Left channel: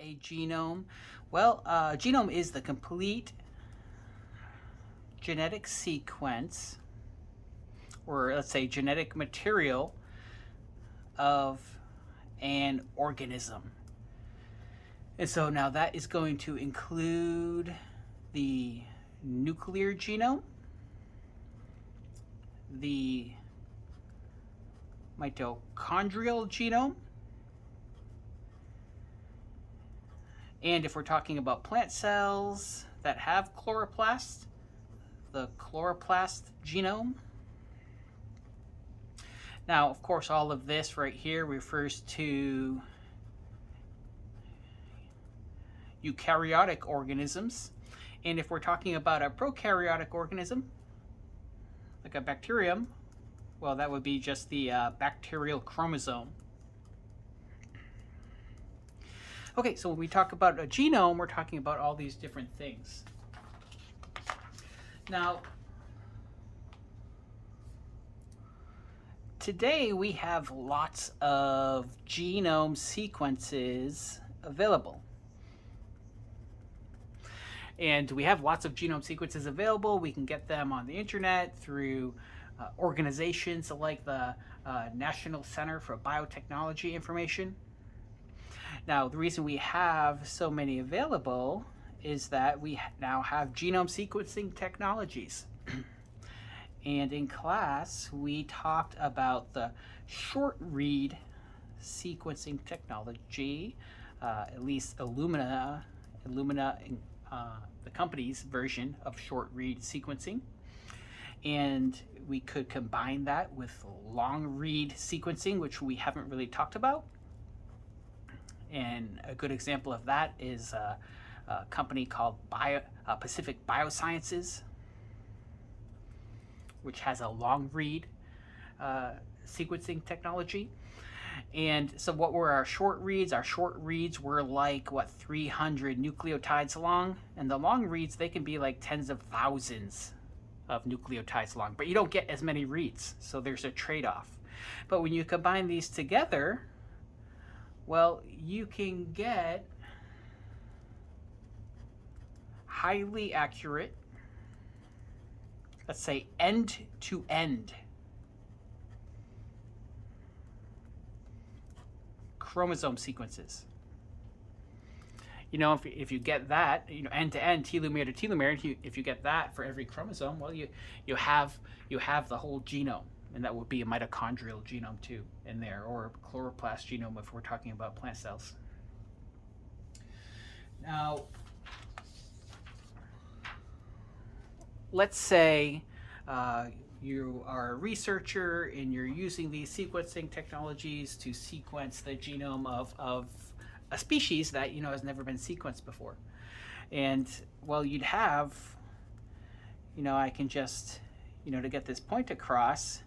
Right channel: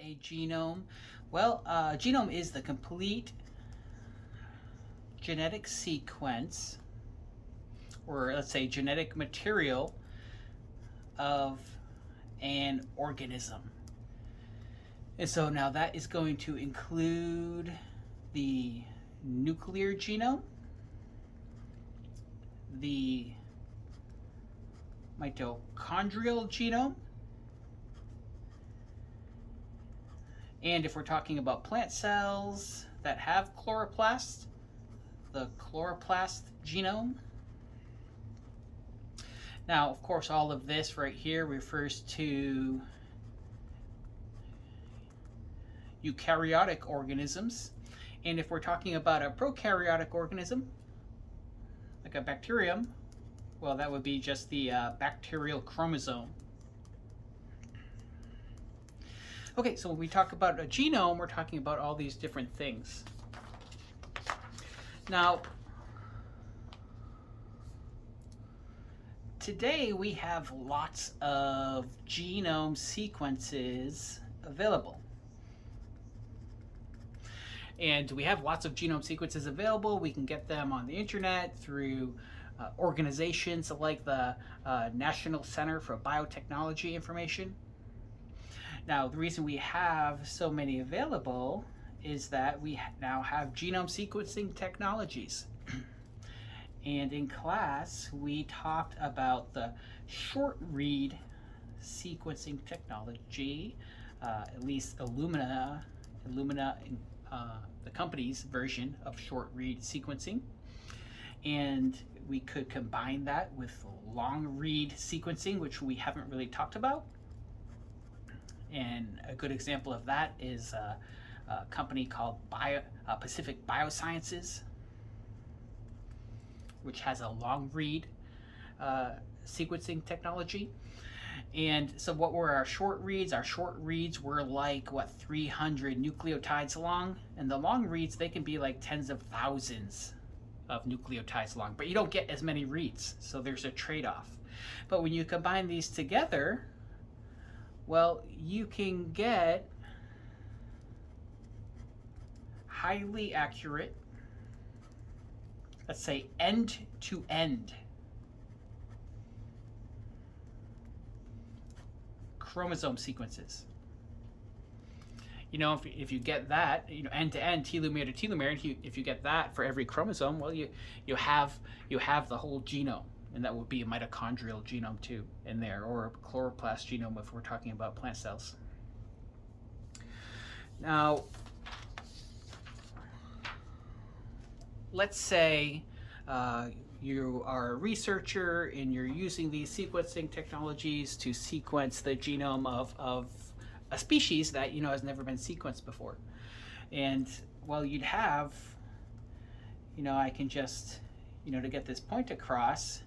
a genome? Well, genome is the complete genetic sequence, or let's say genetic material of an organism. And so now that is going to include the nuclear genome, the mitochondrial genome, and if we're talking about plant cells that have chloroplasts, the chloroplast genome. Now, of course, all of this right here refers to eukaryotic organisms. And if we're talking about a prokaryotic organism, like a bacterium, well, that would be just the bacterial chromosome. Okay, so when we talk about a genome, we're talking about all these different things. Now, today we have lots of genome sequences available. And we have lots of genome sequences available. We can get them on the internet through organizations like the National Center for Biotechnology Information. Now, the reason we have so many available is that we now have genome sequencing technologies. And in class, we talked about the short read sequencing technology, at least Illumina, the company's version of short read sequencing. And we could combine that with long read sequencing, which we haven't really talked about. And a good example of that is a company called Pacific Biosciences, which has a long read sequencing technology. And so what were our short reads? Our short reads were like, 300 nucleotides long. And the long reads, they can be like tens of thousands of nucleotides long, but you don't get as many reads, so there's a trade-off. But when you combine these together, well, you can get highly accurate, let's say end-to-end chromosome sequences. You know, if you get that, end to end, telomere to telomere, if you get that for every chromosome, well, you have the whole genome, and that would be a mitochondrial genome too in there, or a chloroplast genome if we're talking about plant cells. Now, let's say you are a researcher and you're using these sequencing technologies to sequence the genome of a species that has never been sequenced before. And well, you'd have, I can just, to get this point across,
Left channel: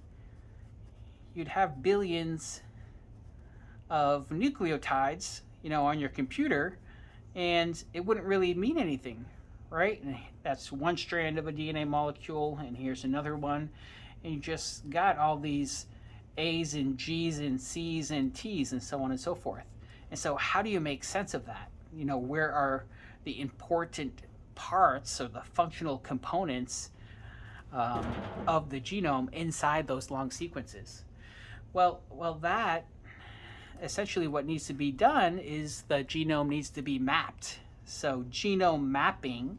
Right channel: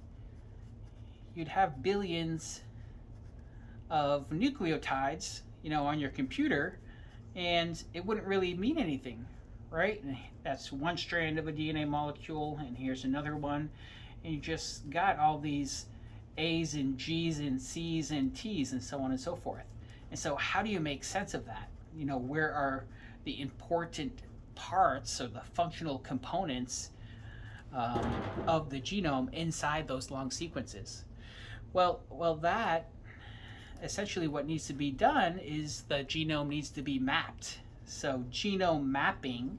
you'd have billions of nucleotides, on your computer, and it wouldn't really mean anything, right? And that's one strand of a DNA molecule, and here's another one, and you just got all these A's and G's and C's and T's and so on and so forth. And so how do you make sense of that? Where are the important parts or the functional components of the genome inside those long sequences? Well, that essentially what needs to be done is the genome needs to be mapped. So genome mapping,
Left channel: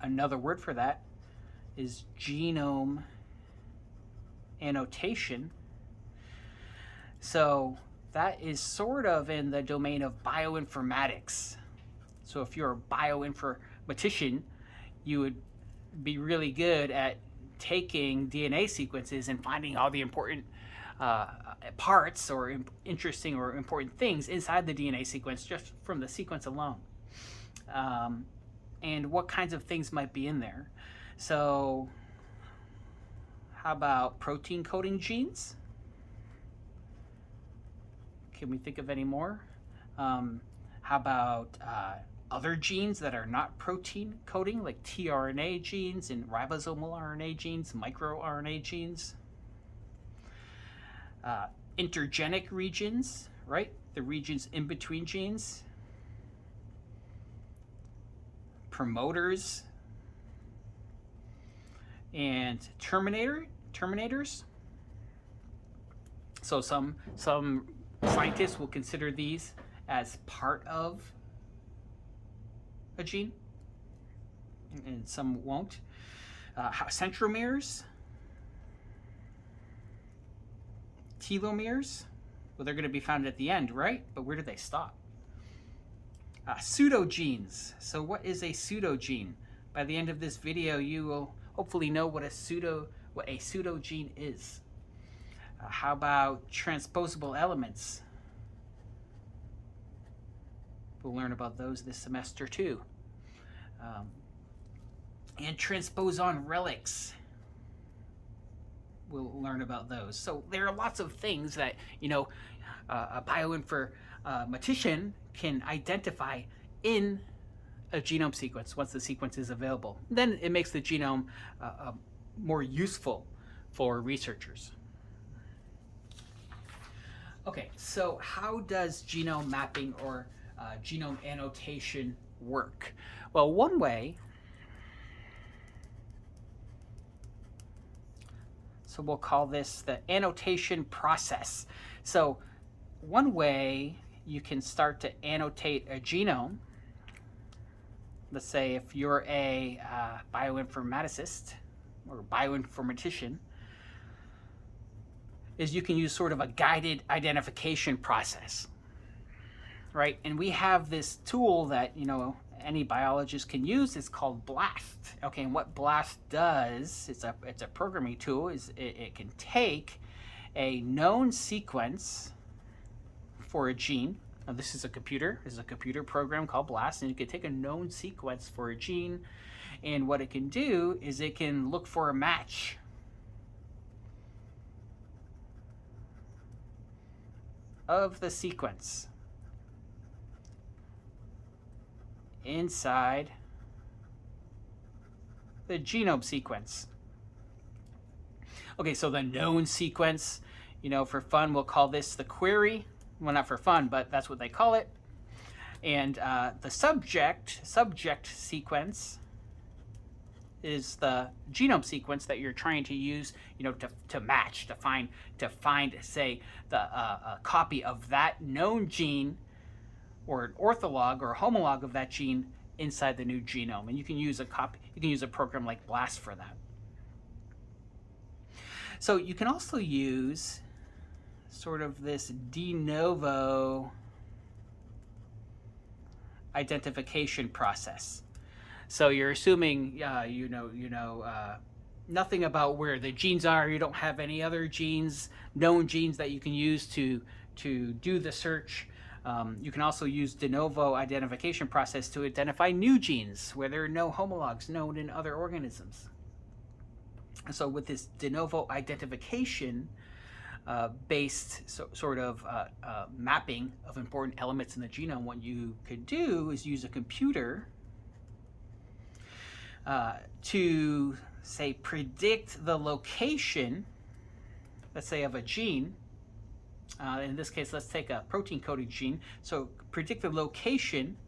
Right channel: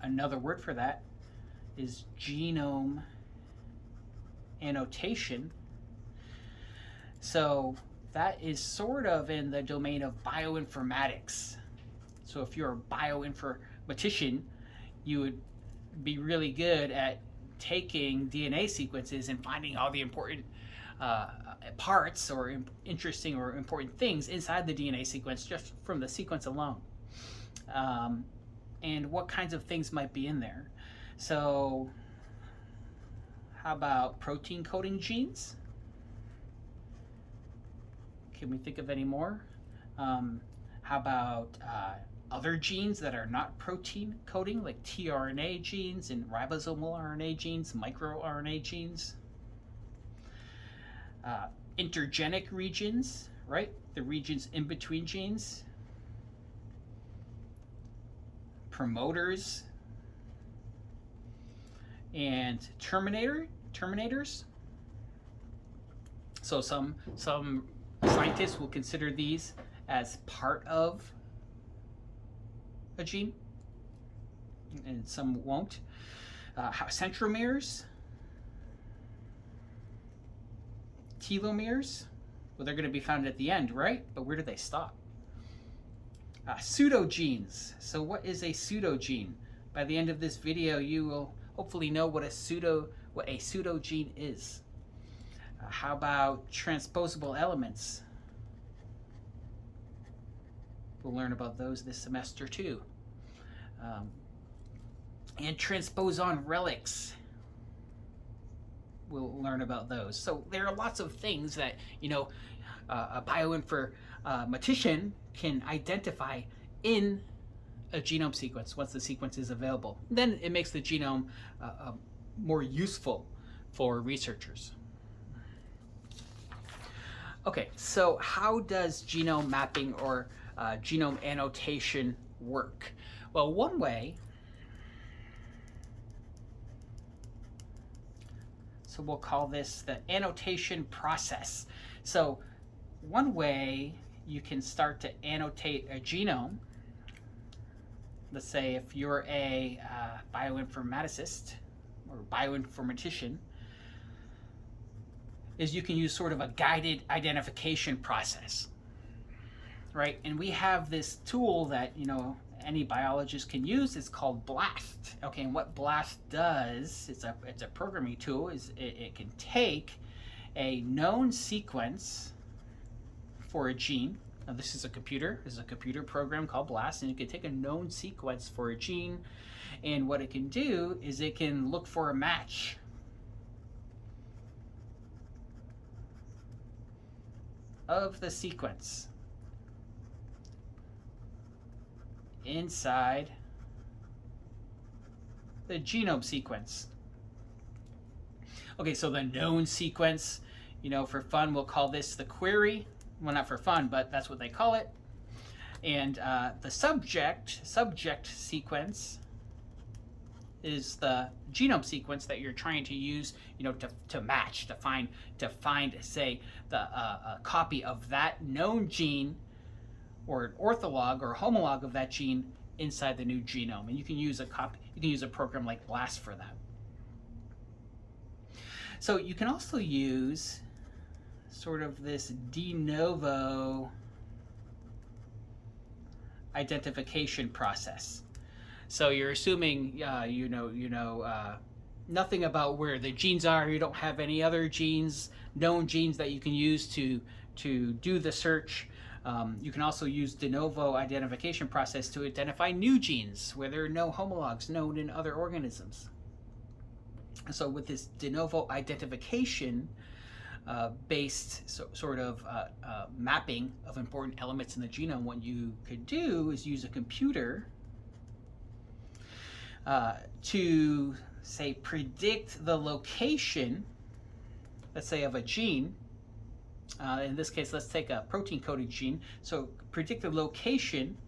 another word for that is genome annotation. So that is sort of in the domain of bioinformatics. So if you're a bioinformatician, you would be really good at taking DNA sequences and finding all the important parts or interesting or important things inside the DNA sequence just from the sequence alone. And what kinds of things might be in there. So how about protein coding genes? Can we think of any more? How about other genes that are not protein coding, like tRNA genes and ribosomal RNA genes, microRNA genes? Intergenic regions, right? the regions in between genes, promoters, and terminators. So some scientists will consider these as part of a gene, and some won't. Centromeres, telomeres, well, they're going to be found at the end, right? But where do they stop? Pseudogenes. So what is a pseudogene? By the end of this video, you will hopefully know what a pseudogene is. How about transposable elements? We'll learn about those this semester too. And transposon relics. We'll learn about those. So there are lots of things that, you know, a bioinformatician can identify in a genome sequence once the sequence is available. Then it makes the genome more useful for researchers. Okay, so how does genome mapping or genome annotation work? Well, one way, so we'll call this the annotation process. So one way you can start to annotate a genome, let's say if you're a bioinformaticist or bioinformatician, is you can use sort of a guided identification process, right? And we have this tool that, you know, any biologist can use. It's called BLAST. Okay, and what BLAST does, it's a programming tool, is it can take a known sequence for a gene. Now this is a computer. This is a computer program called BLAST, and you can take a known sequence for a gene, and what it can do is it can look for a match of the sequence inside the genome sequence. Okay, so the known sequence, you know, for fun, we'll call this the query. Well, not for fun, but that's what they call it. And the subject sequence is the genome sequence that you're trying to use, you know, to match, to find, say, the a copy of that known gene, or an ortholog or a homolog of that gene inside the new genome. And you can use a program like BLAST for that. So you can also use sort of this de novo identification process. So you're assuming you know nothing about where the genes are. You don't have any other genes, known genes that you can use to do the search. You can also use de novo identification process to identify new genes where there are no homologs known in other organisms. So with this de novo identification based sort of mapping of important elements in the genome, what you could do is use a computer to, say, predict the location, let's say, of a gene. In this case, let's take a protein coding gene. So predict the location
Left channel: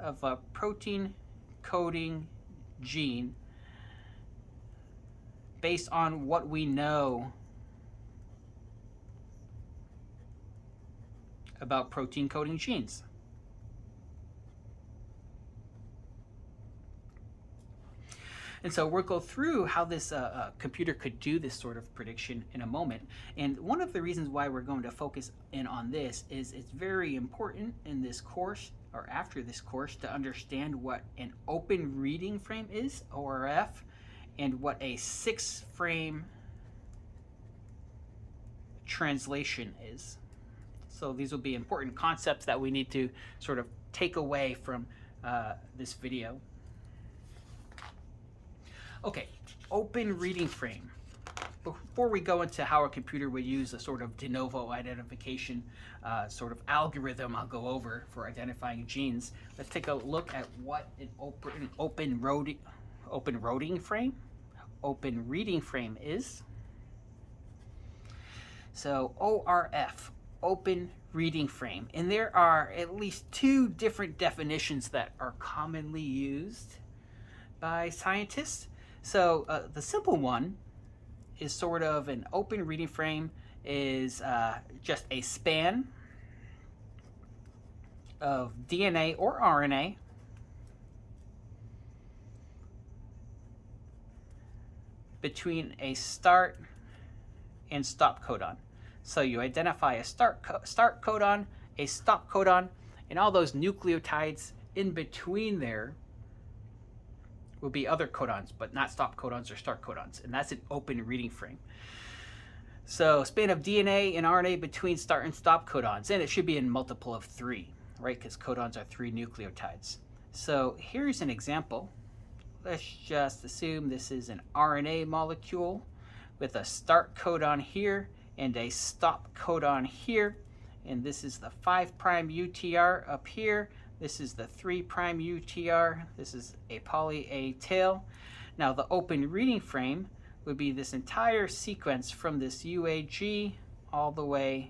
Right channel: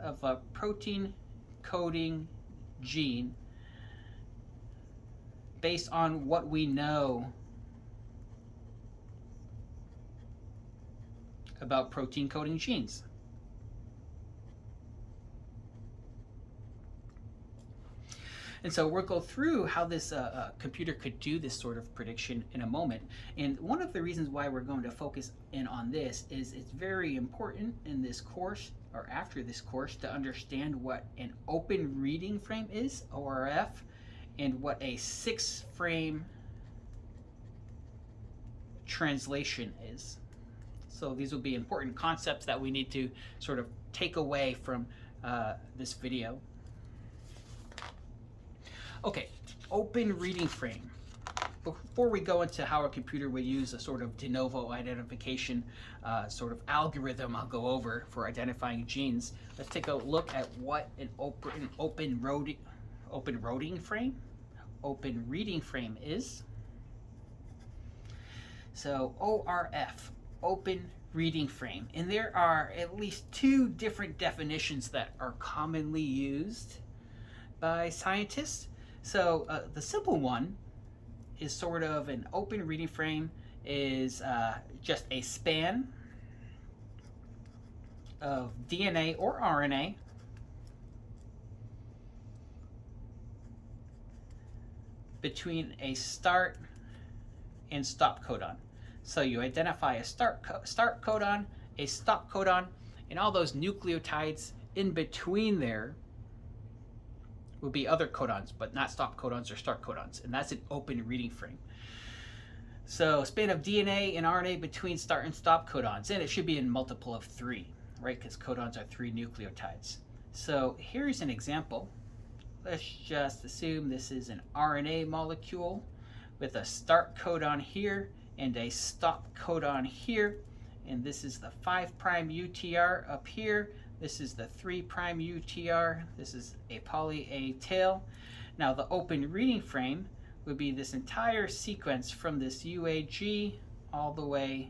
of a protein coding gene based on what we know about protein coding genes. And so we'll go through how this computer could do this sort of prediction in a moment. And one of the reasons why we're going to focus in on this is it's very important in this course, or after this course, to understand what an open reading frame is, ORF, and what a 6-frame translation is. So these will be important concepts that we need to sort of take away from this video. Okay, open reading frame. Before we go into how a computer would use a sort of de novo identification sort of algorithm I'll go over for identifying genes, let's take a look at what an open reading frame is. So ORF, open reading frame. And there are at least two different definitions that are commonly used by scientists. So the simple one is sort of an open reading frame is just a span of DNA or RNA between a start and stop codon. So you identify a start codon, a stop codon, and all those nucleotides in between there will be other codons, but not stop codons or start codons, and that's an open reading frame. So span of DNA and RNA between start and stop codons, and it should be in multiple of 3, right? Because codons are 3 nucleotides. So here's an example. Let's just assume this is an RNA molecule with a start codon here and a stop codon here. And this is the 5' UTR up here. This is the 3' UTR. This is a poly A tail. Now the open reading frame would be this entire sequence from this UAG all the way,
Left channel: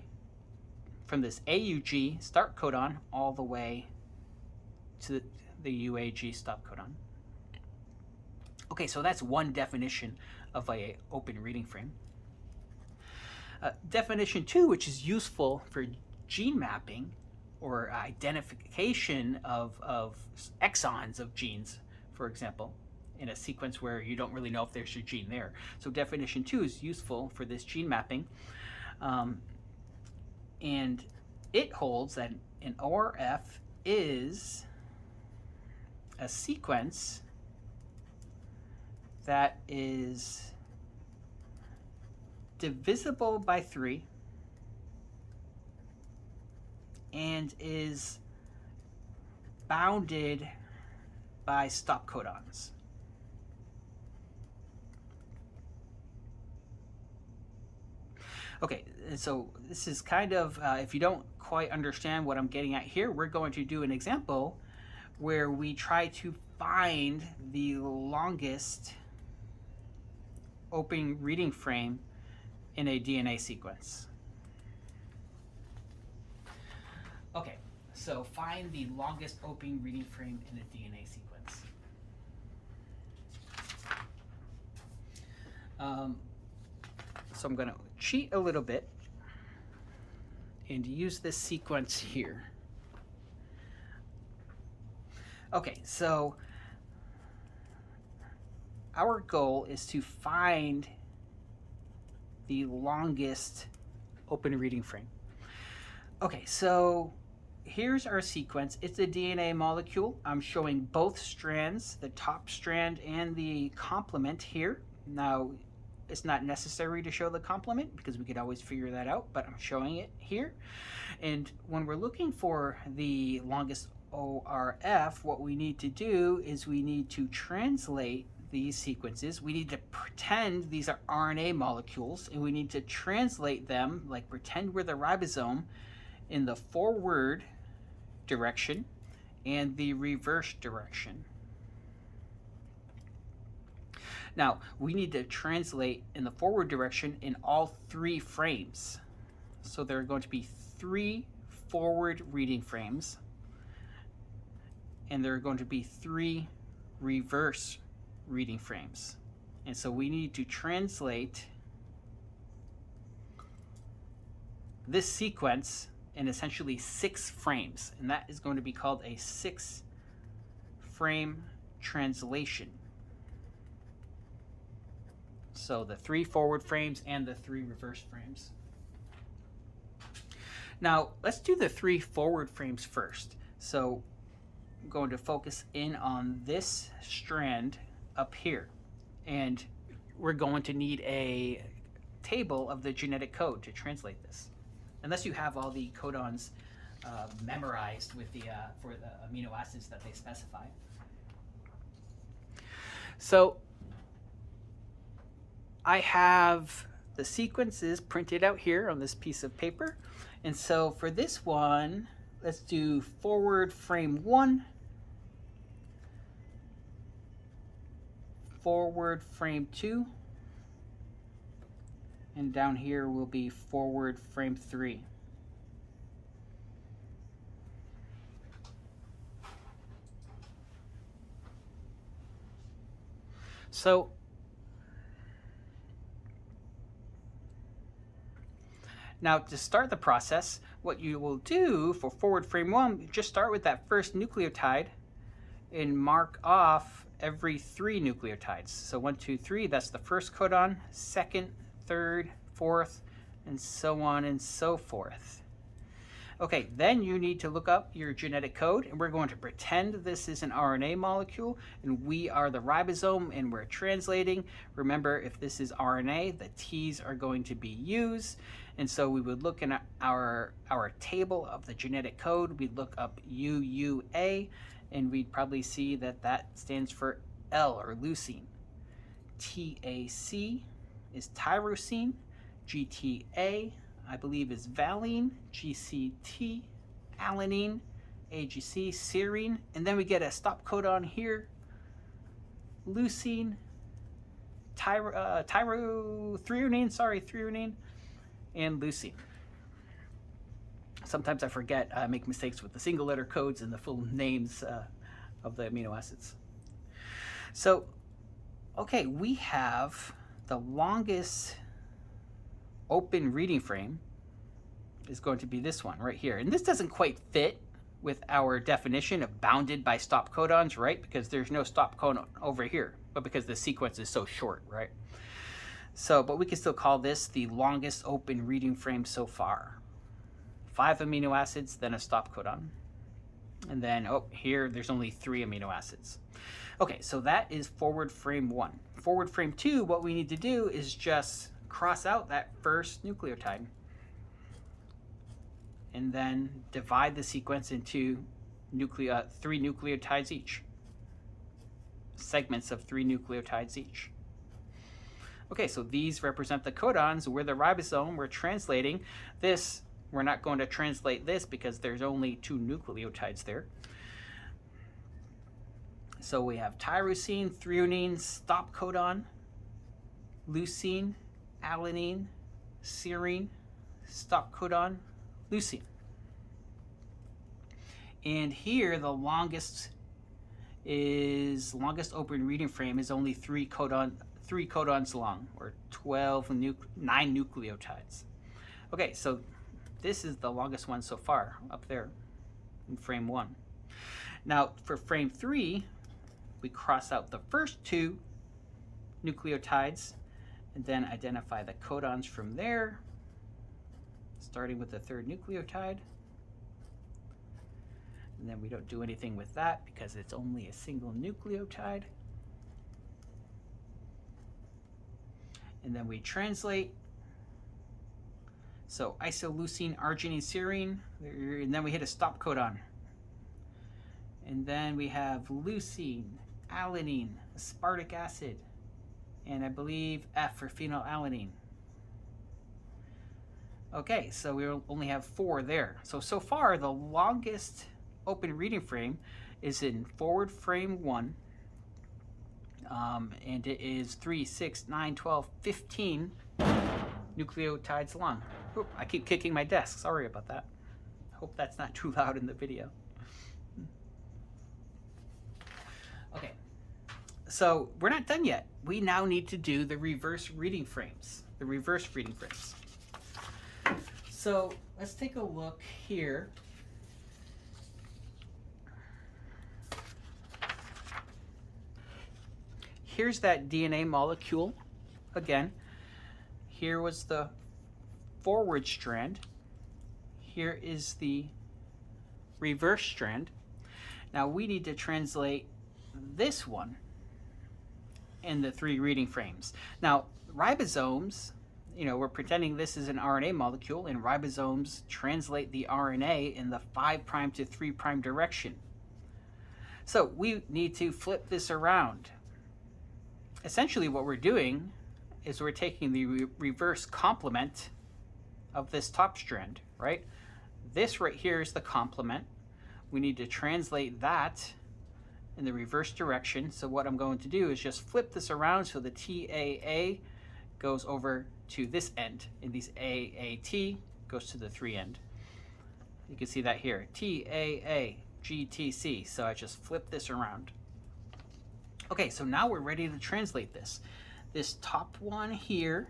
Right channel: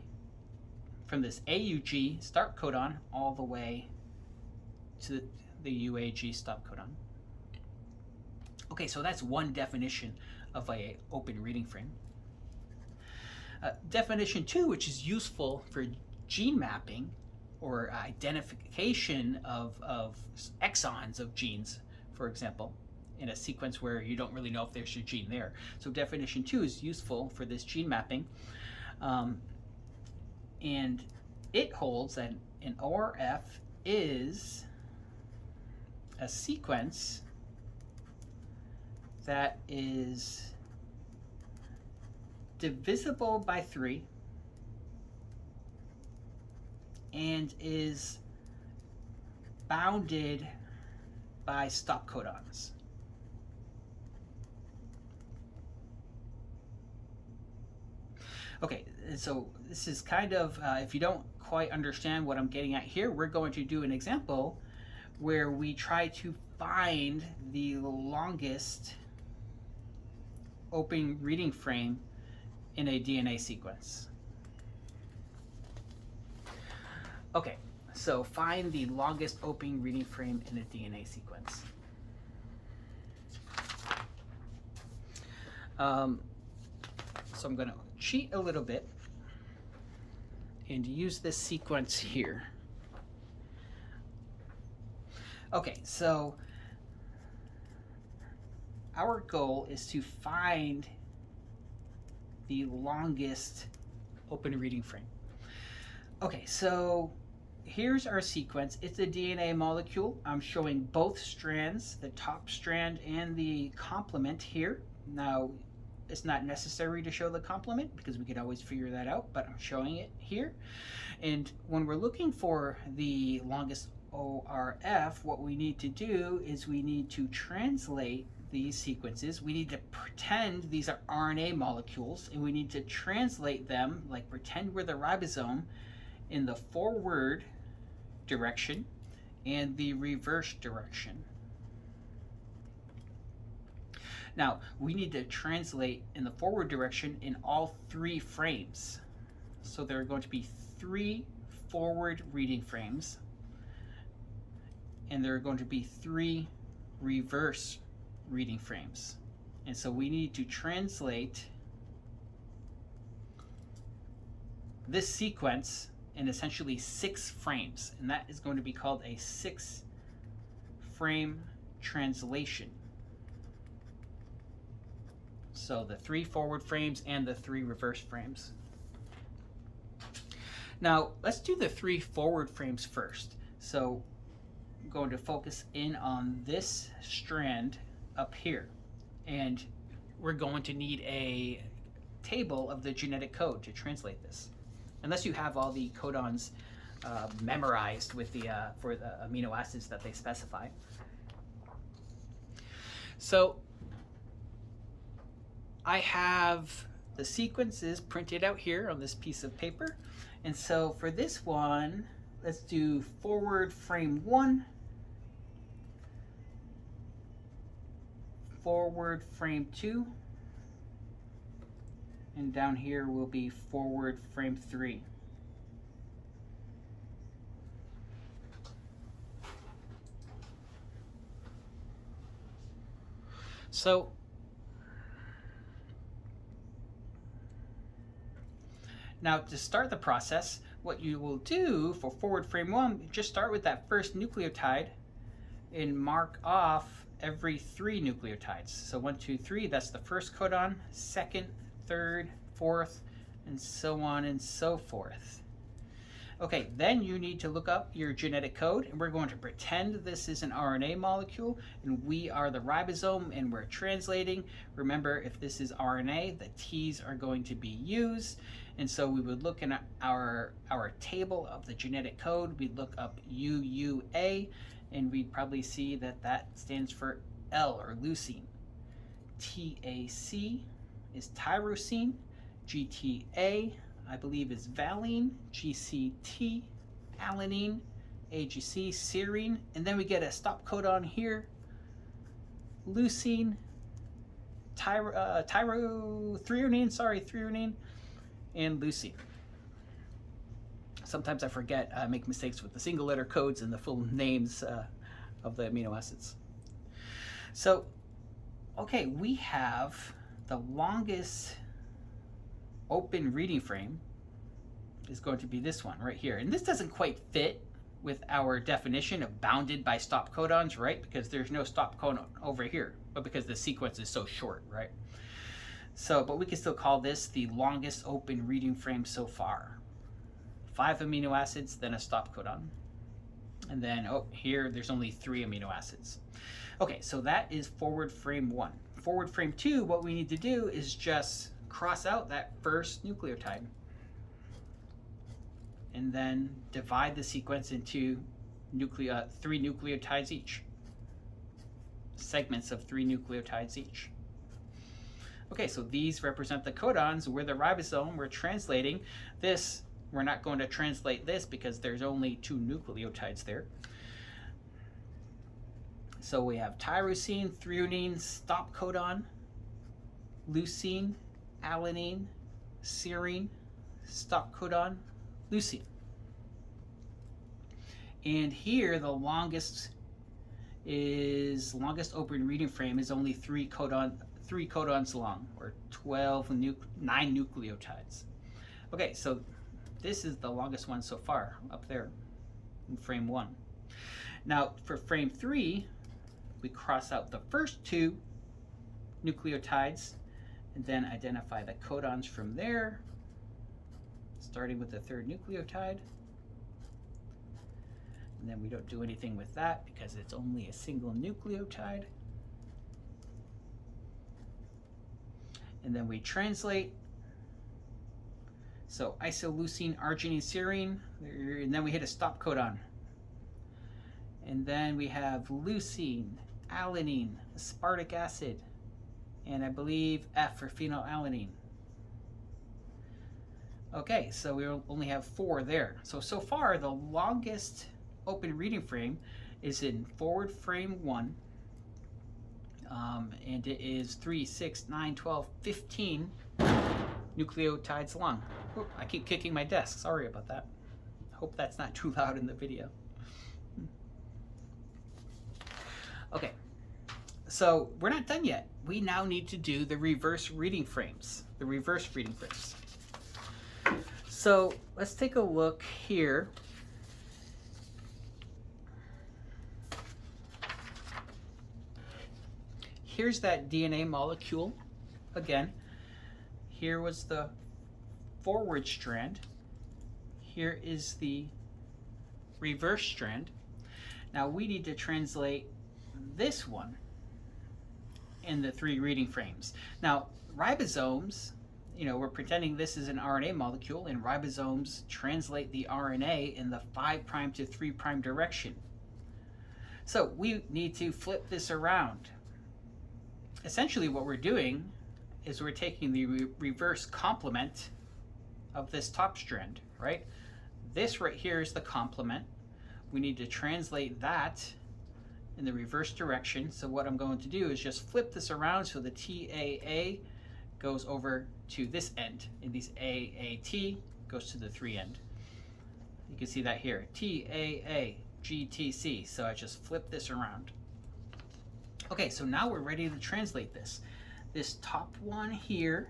from this AUG start codon all the way to the UAG stop codon. Okay, so that's one definition of an open reading frame. Definition 2, which is useful for gene mapping or identification of exons of genes, for example, in a sequence where you don't really know if there's a gene there. So definition 2 is useful for this gene mapping. And it holds that an ORF is a sequence that is divisible by 3 and is bounded by stop codons. Okay, so this is kind of, if you don't quite understand what I'm getting at here, we're going to do an example where we try to find the longest open reading frame in a DNA sequence. Okay, so find the longest open reading frame in a DNA sequence. So I'm going to cheat a little bit and use this sequence here. Okay, so our goal is to find the longest open reading frame. Okay, so here's our sequence. It's a DNA molecule. I'm showing both strands, the top strand and the complement here. Now, it's not necessary to show the complement because we could always figure that out, but I'm showing it here. And when we're looking for the longest ORF, what we need to do is we need to translate these sequences. We need to pretend these are RNA molecules, and we need to translate them, like pretend we're the ribosome, in the forward direction and the reverse direction. Now, we need to translate in the forward direction in all 3 frames. So there are going to be 3 forward reading frames, and there are going to be 3 reverse reading frames. And so we need to translate this sequence in essentially 6 frames, and that is going to be called a 6-frame translation. So the 3 forward frames and the 3 reverse frames. Now let's do the 3 forward frames first. So I'm going to focus in on this strand up here, and we're going to need a table of the genetic code to translate this, unless you have all the codons memorized with the for the amino acids that they specify. So I have the sequences printed out here on this piece of paper, and so for this one, let's do forward frame 1, forward frame 2, and down here will be forward frame 3. So now to start the process, what you will do for forward frame 1, just start with that first nucleotide and mark off every 3 nucleotides. So 1, 2, 3, that's the first codon, second, third, fourth, and so on and so forth. Okay, then you need to look up your genetic code, and we're going to pretend this is an RNA molecule, and we are the ribosome, and we're translating. Remember, if this is RNA, the T's are going to be U's, and so we would look in our table of the genetic code, we'd look up UUA, and we'd probably see that that stands for L, or leucine. TAC is tyrosine. GTA, I believe, is valine. GCT, alanine. AGC, serine. And then we get a stop codon here. Leucine, threonine, and leucine. Sometimes I forget, I make mistakes with the single letter codes and the full names of the amino acids. So, okay, we have the longest open reading frame is going to be this one right here. And this doesn't quite fit with our definition of bounded by stop codons, right? Because there's no stop codon over here, but because the sequence is so short, right? So, but we can still call this the longest open reading frame so far. 5 amino acids, then a stop codon. And then, oh, here there's only 3 amino acids. Okay, so that is forward frame 1. Forward frame 2, what we need to do is just cross out that first nucleotide and then divide the sequence into 3 nucleotides each. Segments of 3 nucleotides each. Okay, so these represent the codons. We're the ribosome. We're translating this. We're not going to translate this because there's only 2 nucleotides there. So we have tyrosine, threonine, stop codon, leucine, alanine, serine, stop codon, leucine. And here the longest open reading frame is only 3 codons long, or 9 nucleotides. Okay, so this is the longest one so far, up there in frame 1. Now for frame 3, we cross out the first 2 nucleotides and then identify the codons from there, starting with the 3rd nucleotide. And then we don't do anything with that because it's only a single nucleotide. And then we translate. So isoleucine, arginine, serine, and then we hit a stop codon. And then we have leucine, alanine, aspartic acid, and I believe F for phenylalanine. Okay, so we only have 4 there. So far, the longest open reading frame is in forward frame 1, and it is 3, 6, 9, 12, 15 nucleotides long. Oop, I keep kicking my desk. Sorry about that. Hope that's not too loud in the video. Okay, so we're not done yet. We now need to do the reverse reading frames. So let's take a look here. Here's that DNA molecule. Again, here was the forward strand. Here is the reverse strand. Now we need to translate this one in the 3 reading frames. Now ribosomes, we're pretending this is an RNA molecule, and ribosomes translate the RNA in the 5' to 3' direction. So we need to flip this around. Essentially what we're doing is we're taking the reverse complement of this top strand, right? This right here is the complement. We need to translate that in the reverse direction. So what I'm going to do is just flip this around so the TAA goes over to this end, and these AAT goes to the 3 end. You can see that here, TAA, GTC. So I just flip this around. Okay, so now we're ready to translate this. This top one here,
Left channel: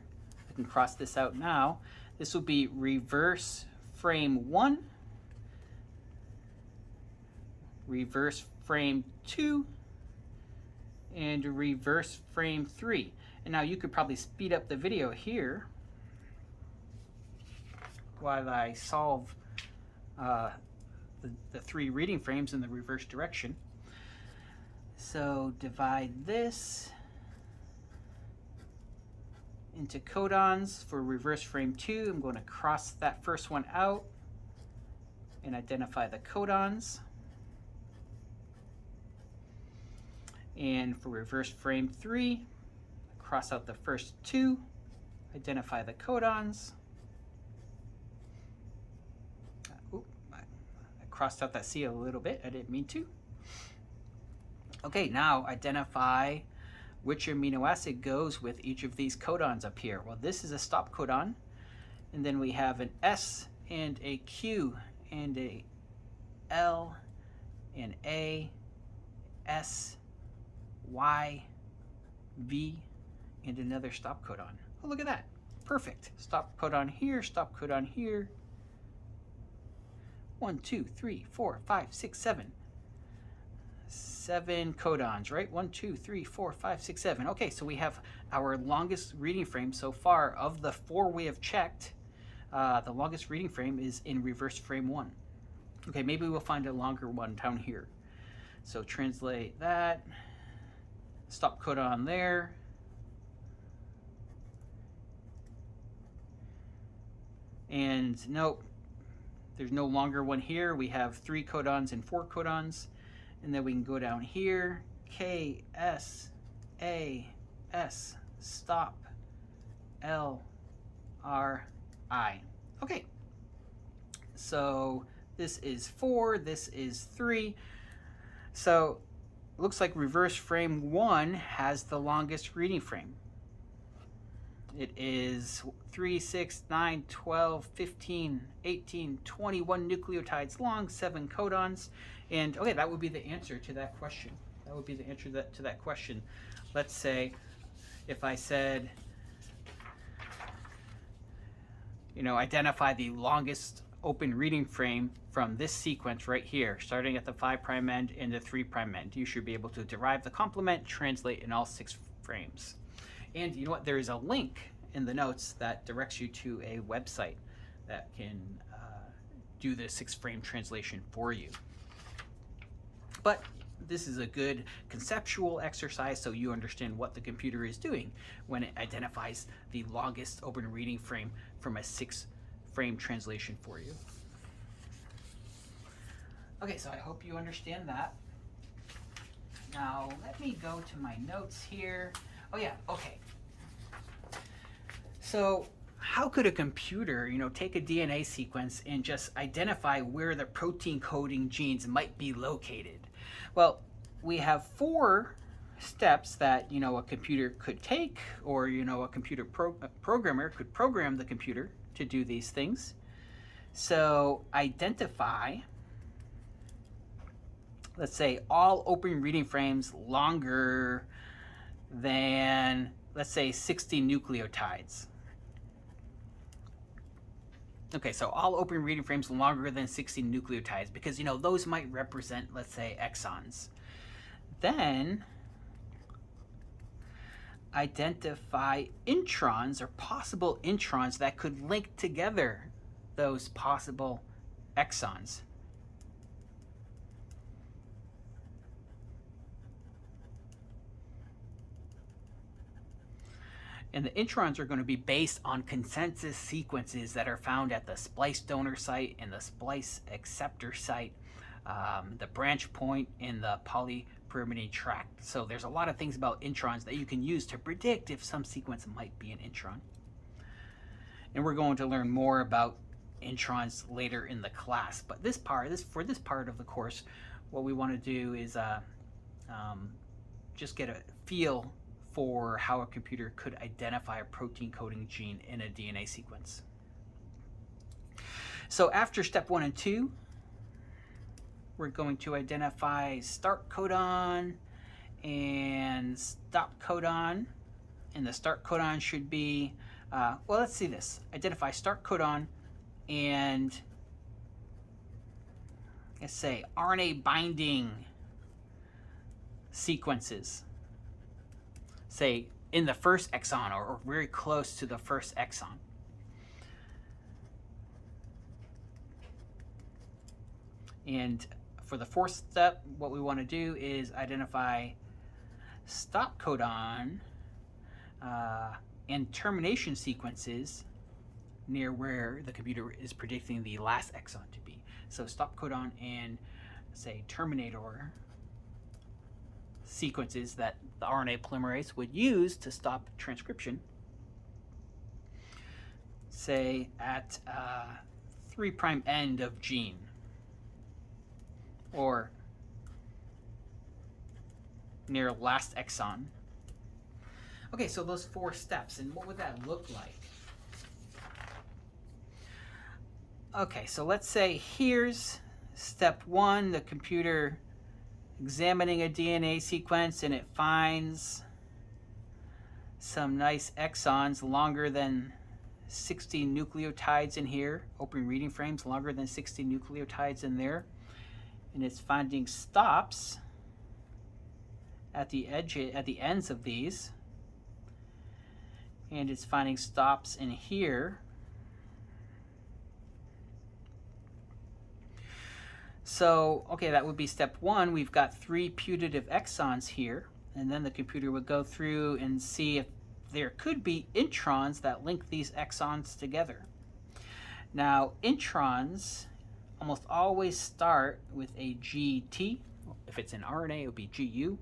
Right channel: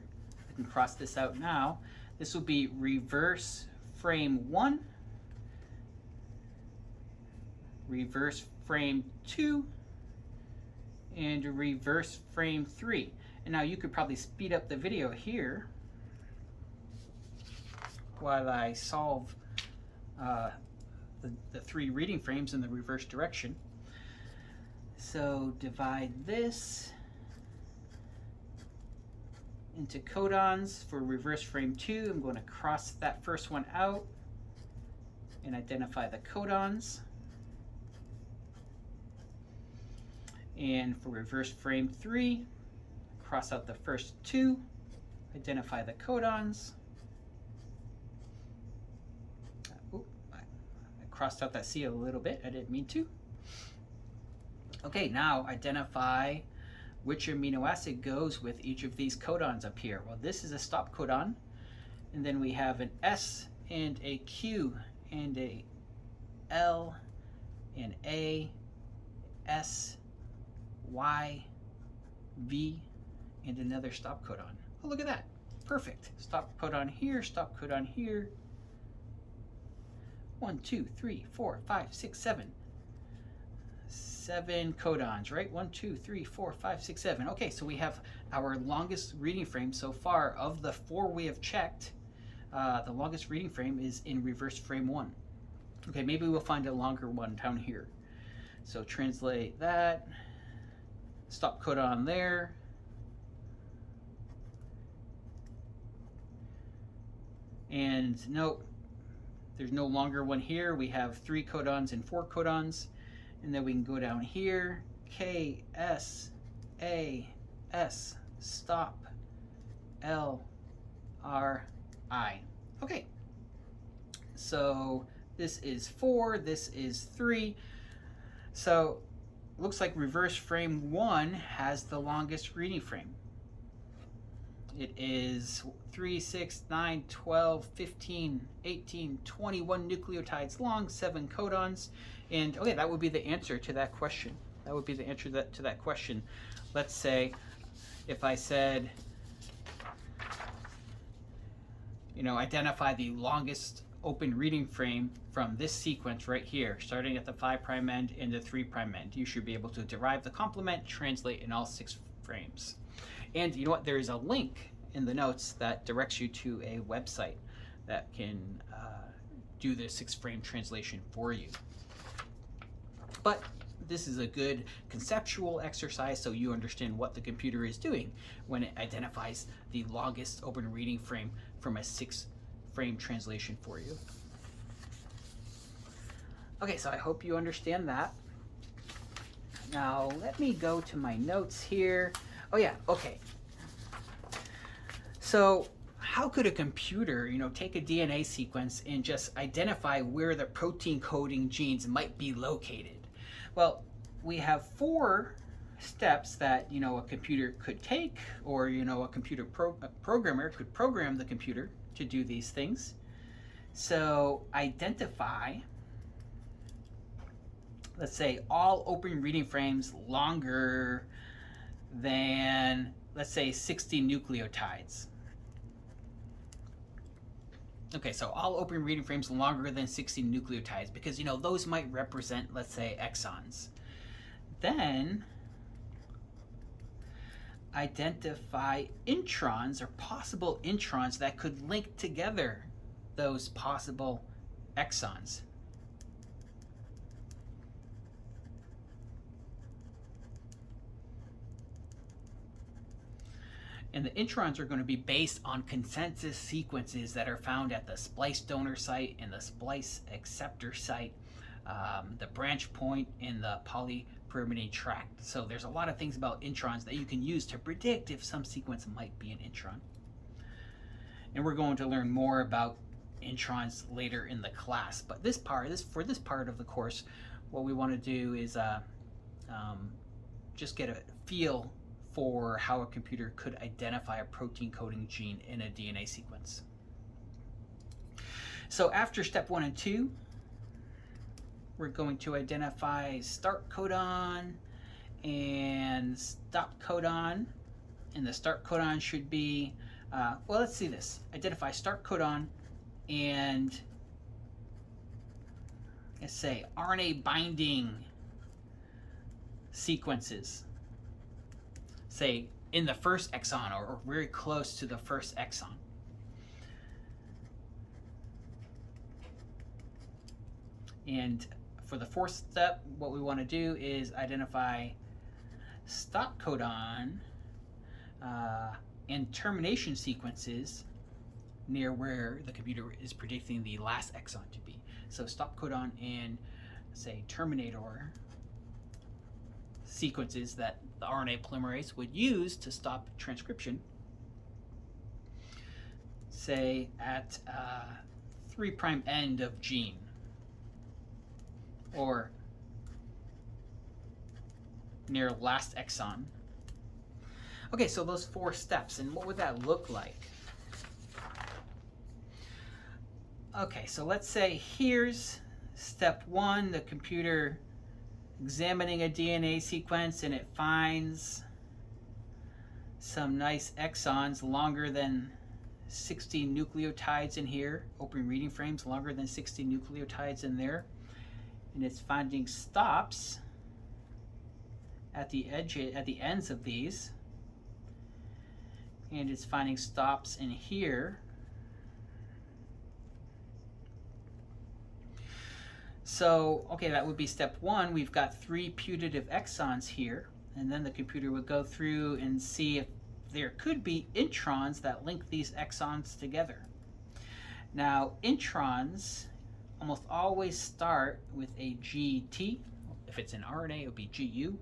I can cross this out now. This will be reverse frame 1, reverse frame 2, and reverse frame 3. And now you could probably speed up the video here while I solve the 3 reading frames in the reverse direction. So divide this into codons for reverse frame 2. I'm going to cross that first one out and identify the codons. And for reverse frame 3, cross out the first 2, identify the codons. I crossed out that C a little bit, I didn't mean to. Okay, now identify which amino acid goes with each of these codons up here. Well, this is a stop codon, and then we have an S and a Q and a L and A, S, Y, V, and another stop codon. Oh, look at that. Perfect. Stop codon here, stop codon here. 1, 2, 3, 4, 5, 6, 7. 7 codons, right? 1, 2, 3, 4, 5, 6, 7. Okay, so we have our longest reading frame so far. Of the 4 we have checked, the longest reading frame is in reverse frame 1. Okay, maybe we'll find a longer one down here. So translate that. Stop codon there. And nope, there's no longer one here. We have 3 codons and 4 codons. And then we can go down here, K, S, A, S, stop, L, R, I. Okay, so this is 4, this is 3. So looks like reverse frame 1 has the longest reading frame. It is 3, 6, 9, 12, 15, 18, 21 nucleotides long, 7 codons. And okay, that would be the answer to that question. That would be the answer to that question. Let's say if I said, identify the longest open reading frame from this sequence right here, starting at the 5' end and the 3' end. You should be able to derive the complement, translate in all 6 frames. And you know what? There is a link in the notes that directs you to a website that can do the 6-frame translation for you. But this is a good conceptual exercise so you understand what the computer is doing when it identifies the longest open reading frame from a 6-frame translation for you. Okay, so I hope you understand that. Now let me go to my notes here. Oh yeah, okay. So how could a computer, take a DNA sequence and just identify where the protein coding genes might be located? Well, we have 4 steps that a computer could take, or a computer programmer could program the computer to do these things. So identify, let's say, all open reading frames longer than, let's say, 60 nucleotides. Okay, so all open reading frames longer than 60 nucleotides, because those might represent, let's say, exons. Then identify introns or possible introns that could link together those possible exons. And the introns are going to be based on consensus sequences that are found at the splice donor site and the splice acceptor site, the branch point, and the polypyrimidine tract. So there's a lot of things about introns that you can use to predict if some sequence might be an intron. And we're going to learn more about introns later in the class. But for this part of the course, what we want to do is just get a feel for how a computer could identify a protein coding gene in a DNA sequence. So after step 1 and 2, we're going to identify start codon and stop codon, and the start codon should be, well, let's see this. Identify start codon and let's say RNA binding sequences, say in the first exon or very close to the first exon. And for the fourth step, what we want to do is identify stop codon and termination sequences near where the computer is predicting the last exon to be. So stop codon and say terminator sequences that the RNA polymerase would use to stop transcription, say at 3' end of gene, or near last exon. Okay, so those 4 steps, and what would that look like? Okay, so let's say here's step 1, the computer examining a DNA sequence, and it finds some nice exons longer than 60 nucleotides in here, open reading frames longer than 60 nucleotides in there, and it's finding stops at the ends of these, and it's finding stops in here. So, okay, that would be step 1. We've got 3 putative exons here, and then the computer would go through and see if there could be introns that link these exons together. Now, introns almost always start with a GT. If it's an RNA, it would be GU,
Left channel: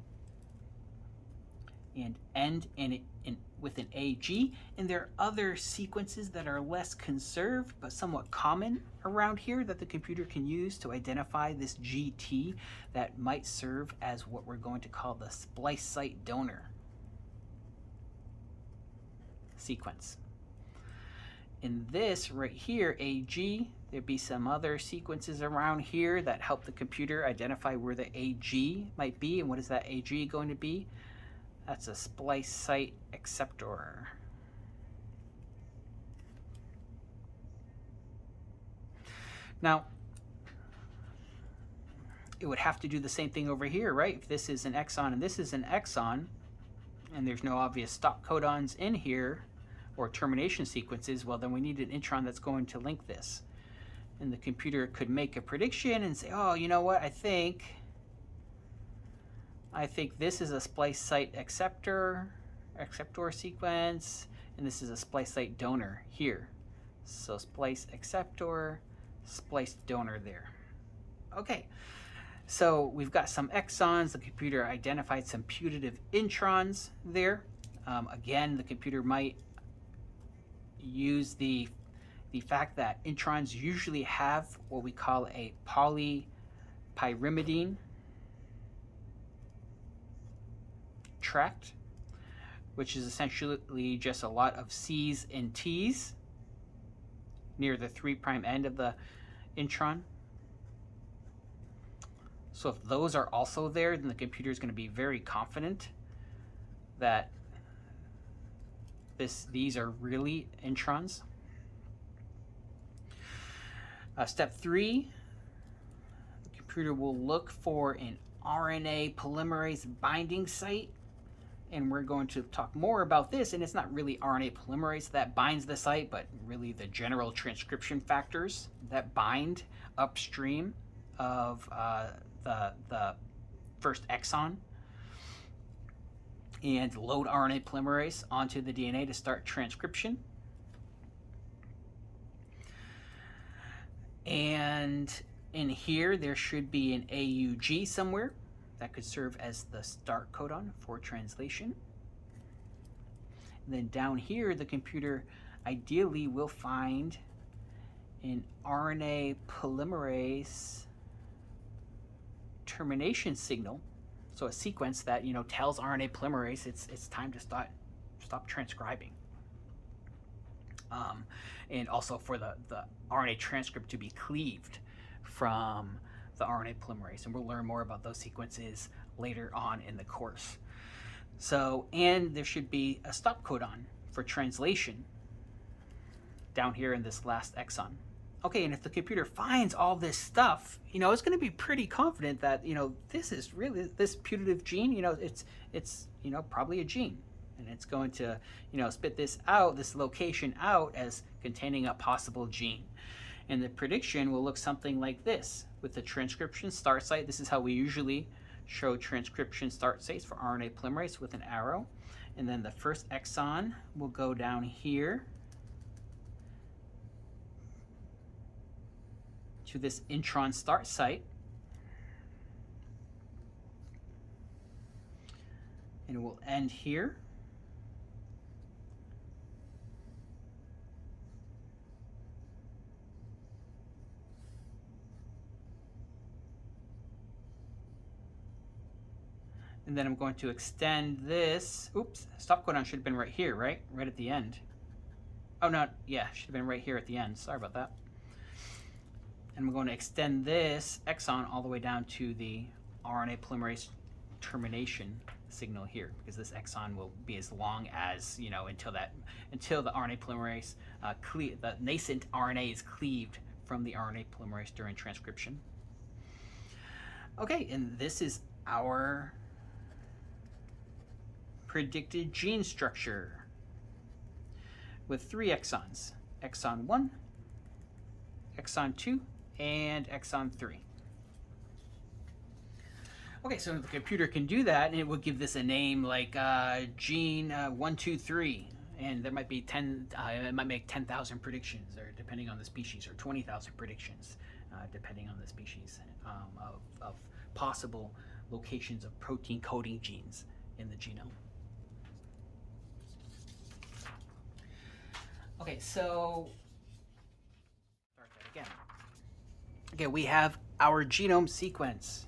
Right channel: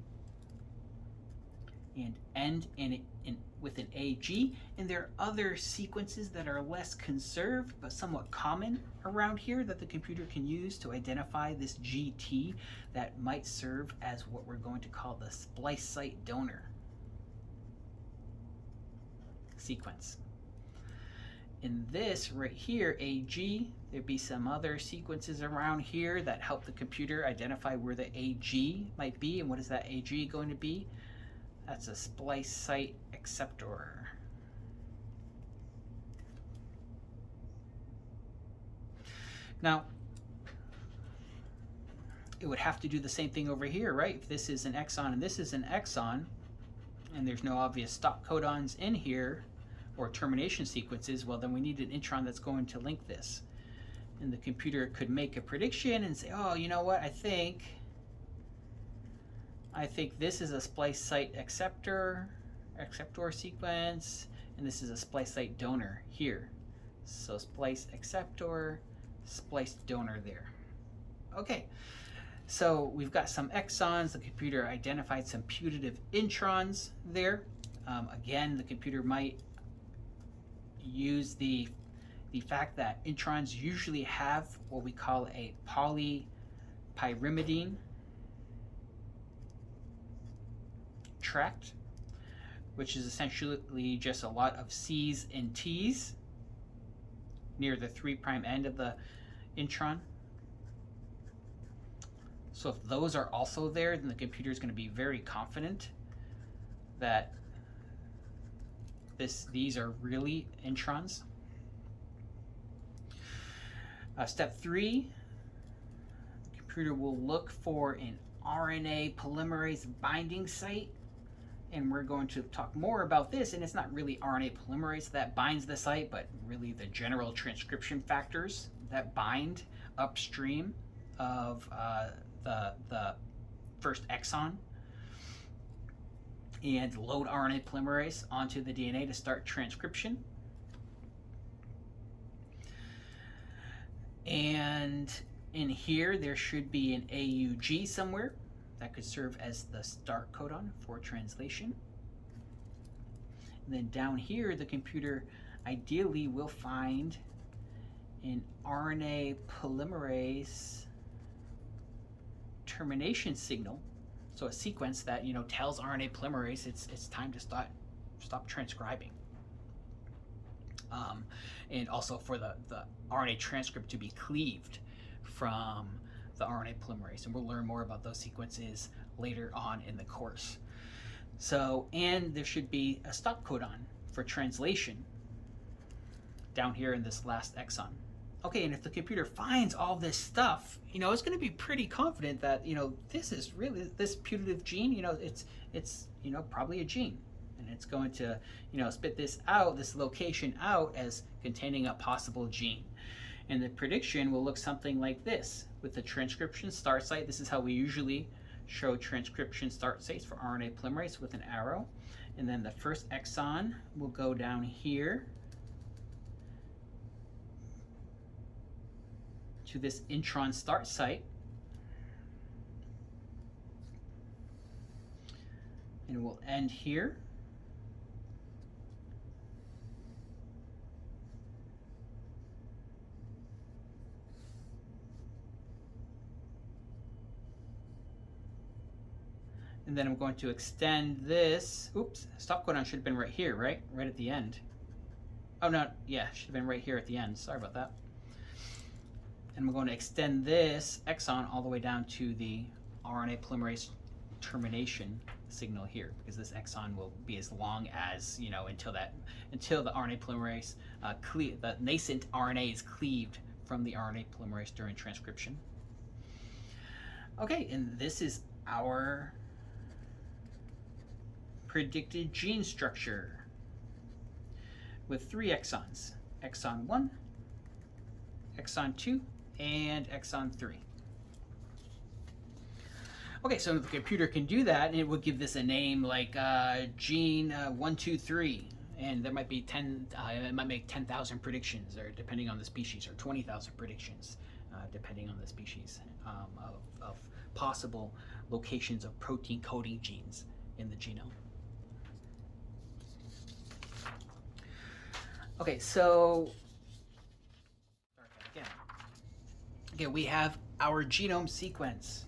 and end with an AG. And there are other sequences that are less conserved but somewhat common around here that the computer can use to identify this GT that might serve as what we're going to call the splice site donor sequence. In this right here, AG, there'd be some other sequences around here that help the computer identify where the AG might be. And what is that AG going to be? That's a splice site acceptor. Now, it would have to do the same thing over here, right? If this is an exon and this is an exon, and there's no obvious stop codons in here, or termination sequences, well, then we need an intron that's going to link this. And the computer could make a prediction and say, oh, you know what, I think this is a splice site acceptor sequence, and this is a splice site donor here. So splice acceptor, splice donor there. Okay, so we've got some exons. The computer identified some putative introns there. Again, the computer might use the fact that introns usually have what we call a polypyrimidine tract, which is essentially just a lot of C's and T's near the 3' end of the intron. So if those are also there, then the computer is going to be very confident that these are really introns. Step 3, the computer will look for an RNA polymerase binding site, and we're going to talk more about this. And it's not really RNA polymerase that binds the site, but really the general transcription factors that bind upstream of the first exon and load RNA polymerase onto the DNA to start transcription. And in here, there should be an AUG somewhere that could serve as the start codon for translation. And then down here, the computer ideally will find an RNA polymerase termination signal. So a sequence that, you know, tells RNA polymerase it's time to stop transcribing. And also for the RNA transcript to be cleaved from the RNA polymerase. And we'll learn more about those sequences later on in the course. So, and there should be a stop codon for translation down here in this last exon. Okay, and if the computer finds all this stuff, you know, it's going to be pretty confident that, you know, this is really, this putative gene, you know, it's you know, probably a gene. And it's going to, you know, spit this out, this location out as containing a possible gene. And the prediction will look something like this. With the transcription start site, this is how we usually show transcription start sites for RNA polymerase, with an arrow. And then the first exon will go down here to this intron start site. And it will end here. And then I'm going to extend this. Oops, stop codon should have been right here, right? Right at the end. Oh, no, yeah, should have been right here at the end. Sorry about that. And I'm going to extend this exon all the way down to the RNA polymerase termination signal here, because this exon will be as long as, you know, until the RNA polymerase, the nascent RNA is cleaved from the RNA polymerase during transcription. Okay, and this is our predicted gene structure with 3 exons: exon 1, exon 2, and exon 3. Okay, so the computer can do that, and it would give this a name like gene 123, and there might be 10. It might make 10,000 predictions, or depending on the species, or 20,000 predictions, depending on the species, of possible locations of protein coding genes in the genome. Okay, so start that again. Okay, we have our genome sequence.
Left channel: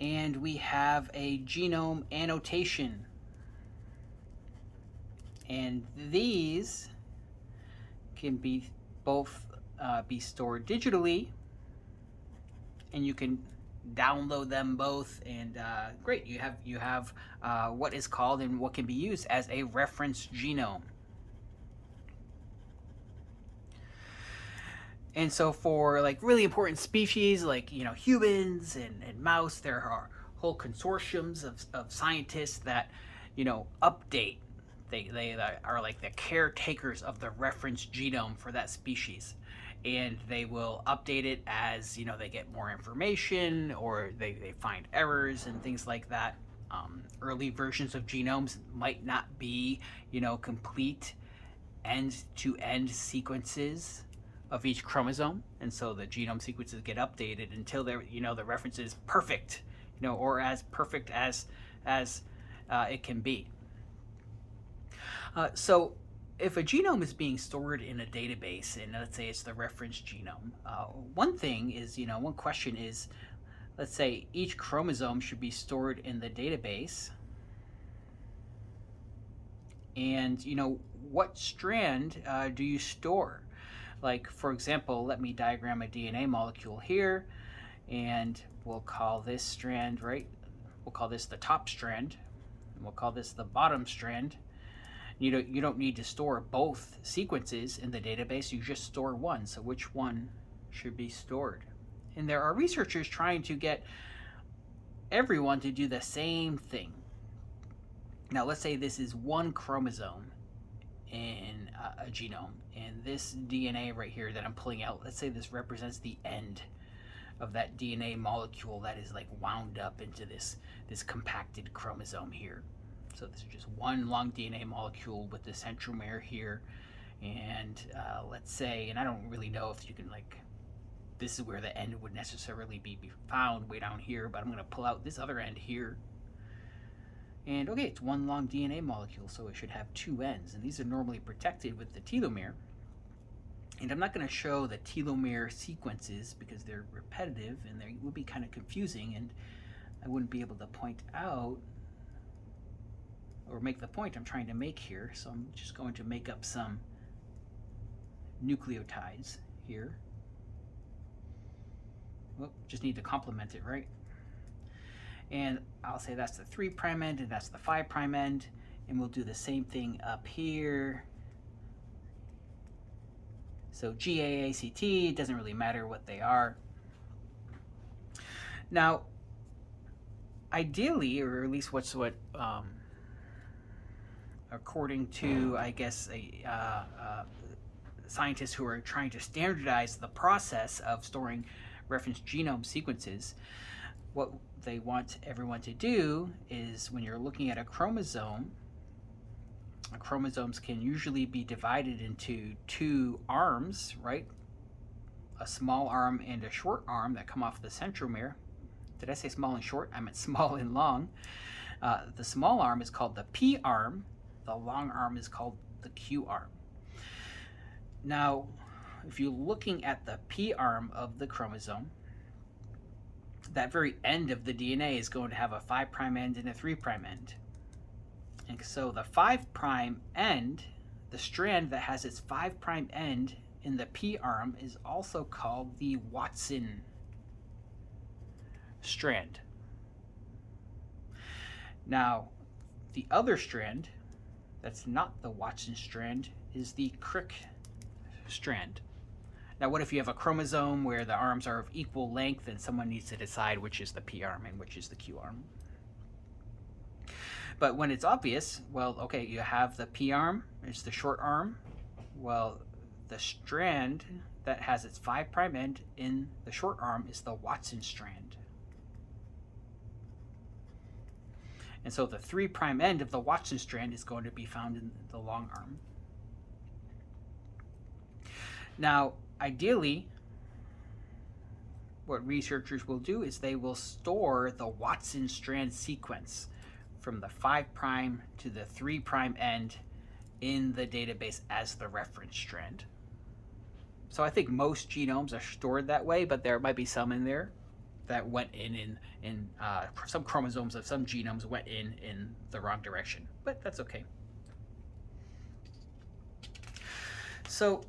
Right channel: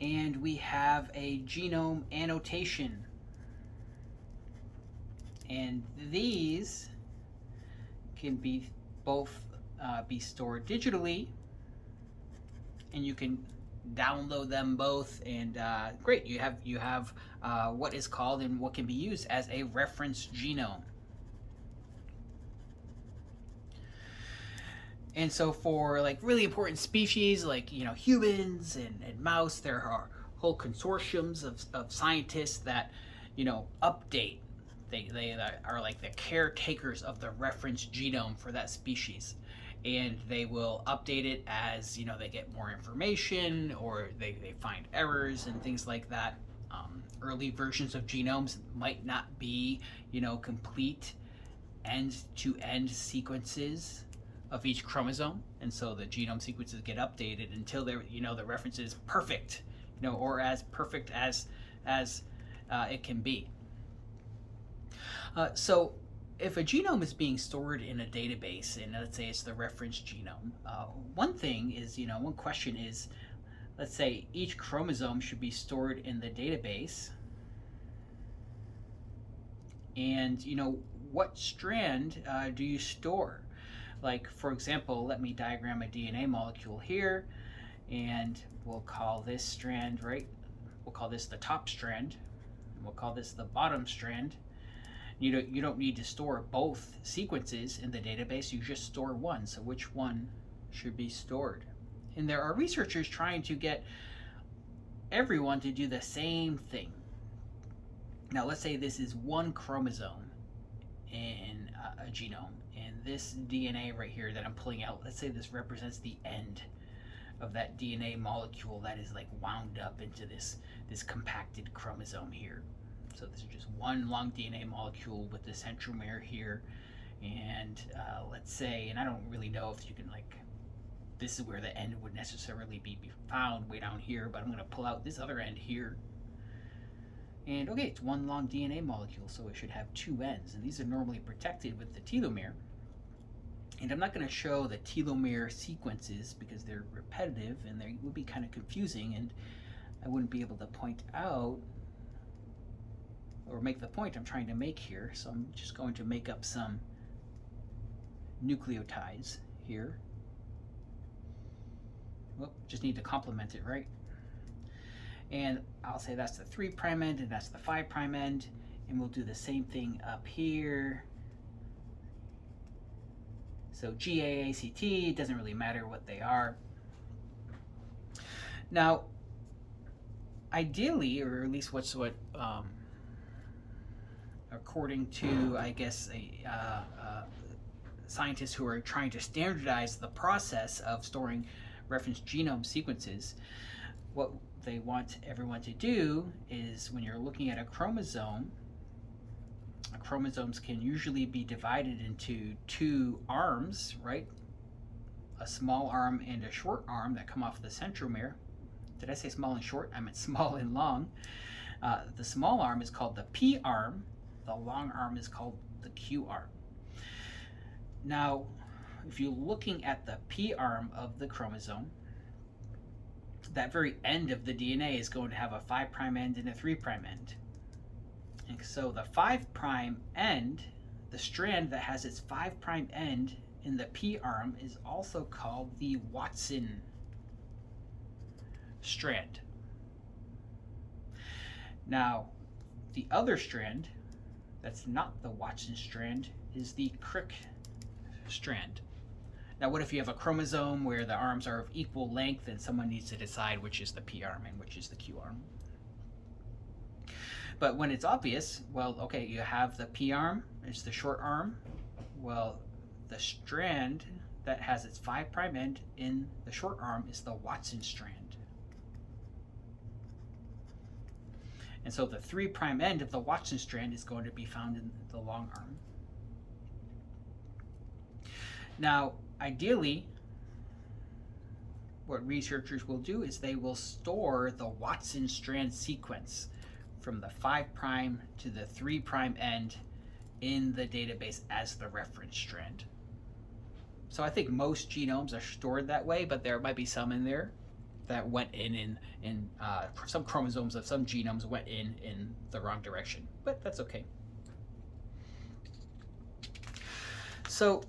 And we have a genome annotation. And these can be both be stored digitally, and you can download them both, and great, you have what is called and what can be used as a reference genome. And so for like really important species like, you know, humans and mouse, there are whole consortiums of scientists that, you know, update. They are like the caretakers of the reference genome for that species. And they will update it as, you know, they get more information, or they find errors and things like that. Early versions of genomes might not be, you know, complete end-to-end sequences of each chromosome, and so the genome sequences get updated until they're, you know, the reference is perfect, you know, or as perfect as it can be. So if a genome is being stored in a database, and let's say it's the reference genome, one thing is, you know, one question is, let's say each chromosome should be stored in the database, and, you know, what strand do you store? Like, for example, let me diagram a DNA molecule here, and we'll call this strand, right? We'll call this the top strand, and we'll call this the bottom strand. You don't need to store both sequences in the database, you just store one. So which one should be stored? And there are researchers trying to get everyone to do the same thing. Now let's say this is one chromosome in a genome, and this DNA right here that I'm pulling out, let's say this represents the end of that DNA molecule that is like wound up into this compacted chromosome here. So this is just one long DNA molecule with the centromere here, and let's say, and I don't really know if you can, like, this is where the end would necessarily be found way down here, but I'm going to pull out this other end here. And okay, it's one long DNA molecule, so it should have 2 ends, and these are normally protected with the telomere. And I'm not going to show the telomere sequences because they're repetitive and they would be kind of confusing, and I wouldn't be able to point out or make the point I'm trying to make here. So I'm just going to make up some nucleotides here. just need to complement it, right? And I'll say that's the 3' end and that's the 5' end. And we'll do the same thing up here. So GAACT, doesn't really matter what they are. Now, ideally, or at least according to, I guess, scientists who are trying to standardize the process of storing reference genome sequences, what they want everyone to do is, when you're looking at a chromosome, chromosomes can usually be divided into 2 arms, right? A small arm and a short arm that come off the centromere. Did I say small and short? I meant small and long. The small arm is called the P arm. The long arm is called the Q arm. Now, if you're looking at the P arm of the chromosome, that very end of the DNA is going to have a 5' end and a 3' end. And so the 5' end, the strand that has its 5' end in the P arm, is also called the Watson strand. Now, the other strand that's not the Watson strand is the Crick strand. Now, what if you have a chromosome where the arms are of equal length and someone needs to decide which is the P arm and which is the Q arm? But when it's obvious, well, okay, you have the P arm, it's the short arm. Well, the strand that has its 5' end in the short arm is the Watson strand. And so the 3' end of the Watson strand is going to be found in the long arm. Now, ideally, what researchers will do is they will store the Watson strand sequence from the 5' to the 3' end in the database as the reference strand. So I think most genomes are stored that way, but there might be some in there that went in some chromosomes of some genomes went in the wrong direction, but that's okay. So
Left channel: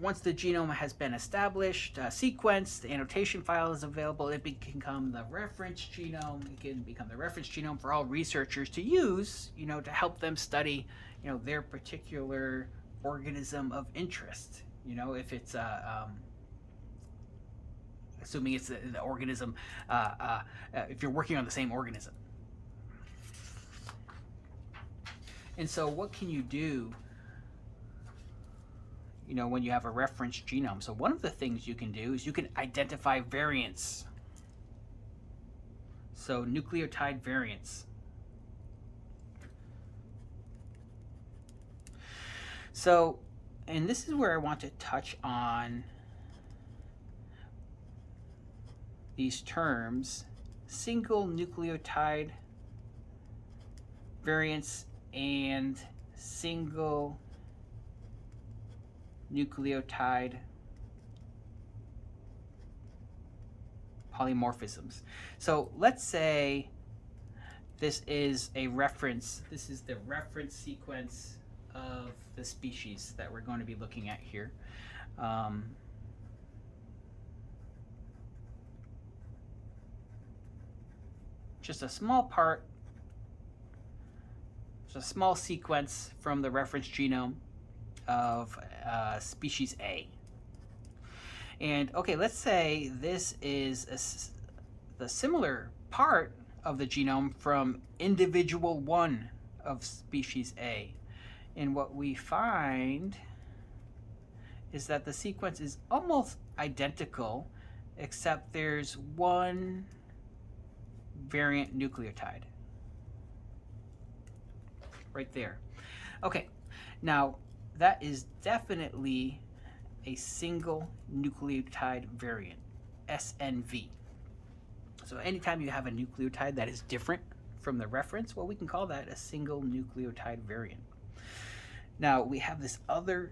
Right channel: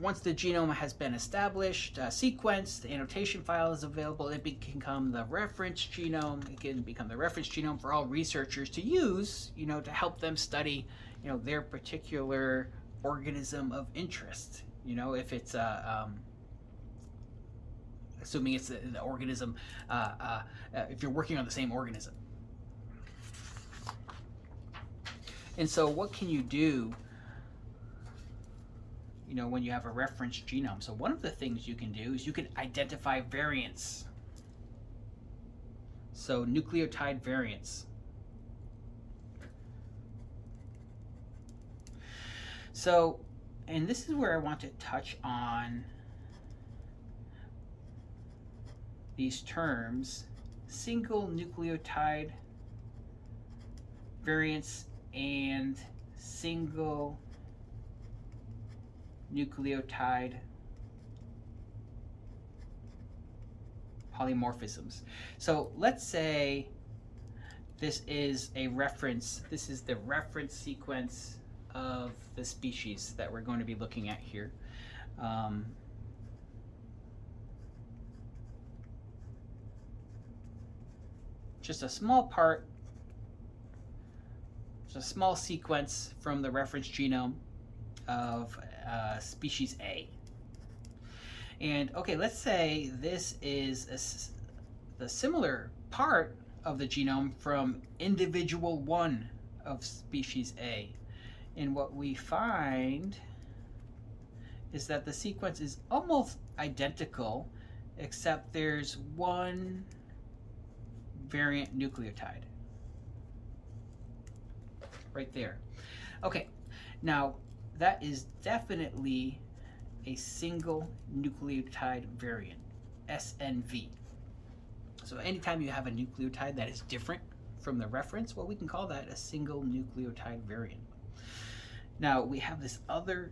once the genome has been established, sequenced, the annotation file is available, it can become the reference genome. It can become the reference genome for all researchers to use, to help them study, their particular organism of interest. If it's assuming it's the organism, if you're working on the same organism. And so what can you do when you have a reference genome? So one of the things you can do is you can identify variants. So nucleotide variants. So, and this is where I want to touch on these terms: single nucleotide variants and single nucleotide polymorphisms. So let's say this is a reference, this is the reference sequence of the species that we're going to be looking at here. Just a small part, it's a small sequence from the reference genome of species A. And okay, let's say this is the similar part of the genome from individual 1 of species A. And what we find is that the sequence is almost identical, except there's one variant nucleotide right there. Okay, now that is definitely a single nucleotide variant, SNV. So anytime you have a nucleotide that is different from the reference, well, we can call that a single nucleotide variant. Now we have this other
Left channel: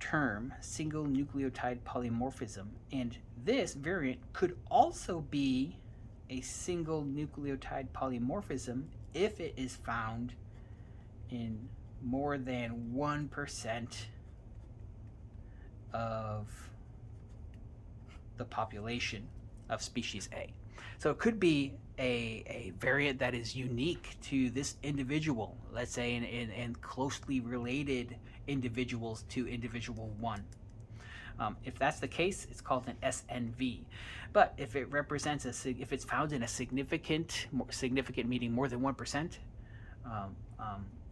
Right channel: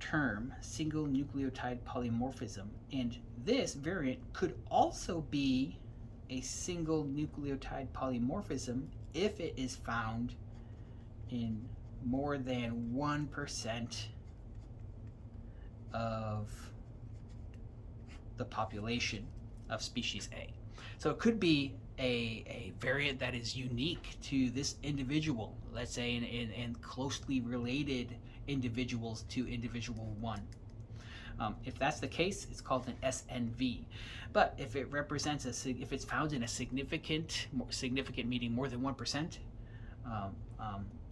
term, single nucleotide polymorphism, and this variant could also be a single nucleotide polymorphism if it is found in more than 1% of the population of species A. So it could be a variant that is unique to this individual, let's say in closely related individuals to individual 1. If that's the case, it's called an SNV. But if it represents if it's found in a significant meaning more than 1%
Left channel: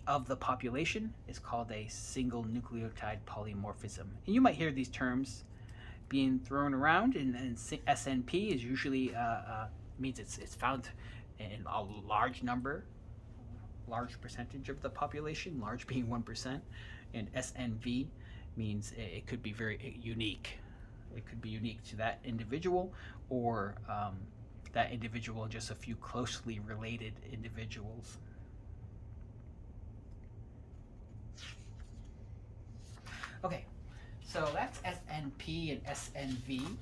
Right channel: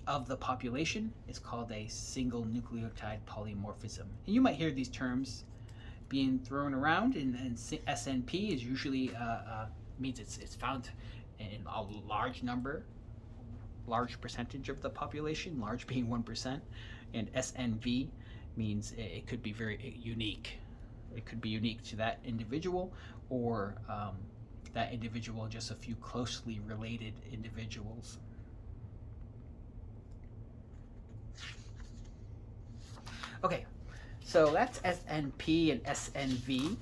of the population, it's called a single nucleotide polymorphism. And you might hear these terms being thrown around, and SNP is usually means it's found in a large percentage of the population, large being 1%, and SNV means it could be very unique. It could be unique to that individual, or that individual and just a few closely related individuals. Okay, so that's SNP and SNV.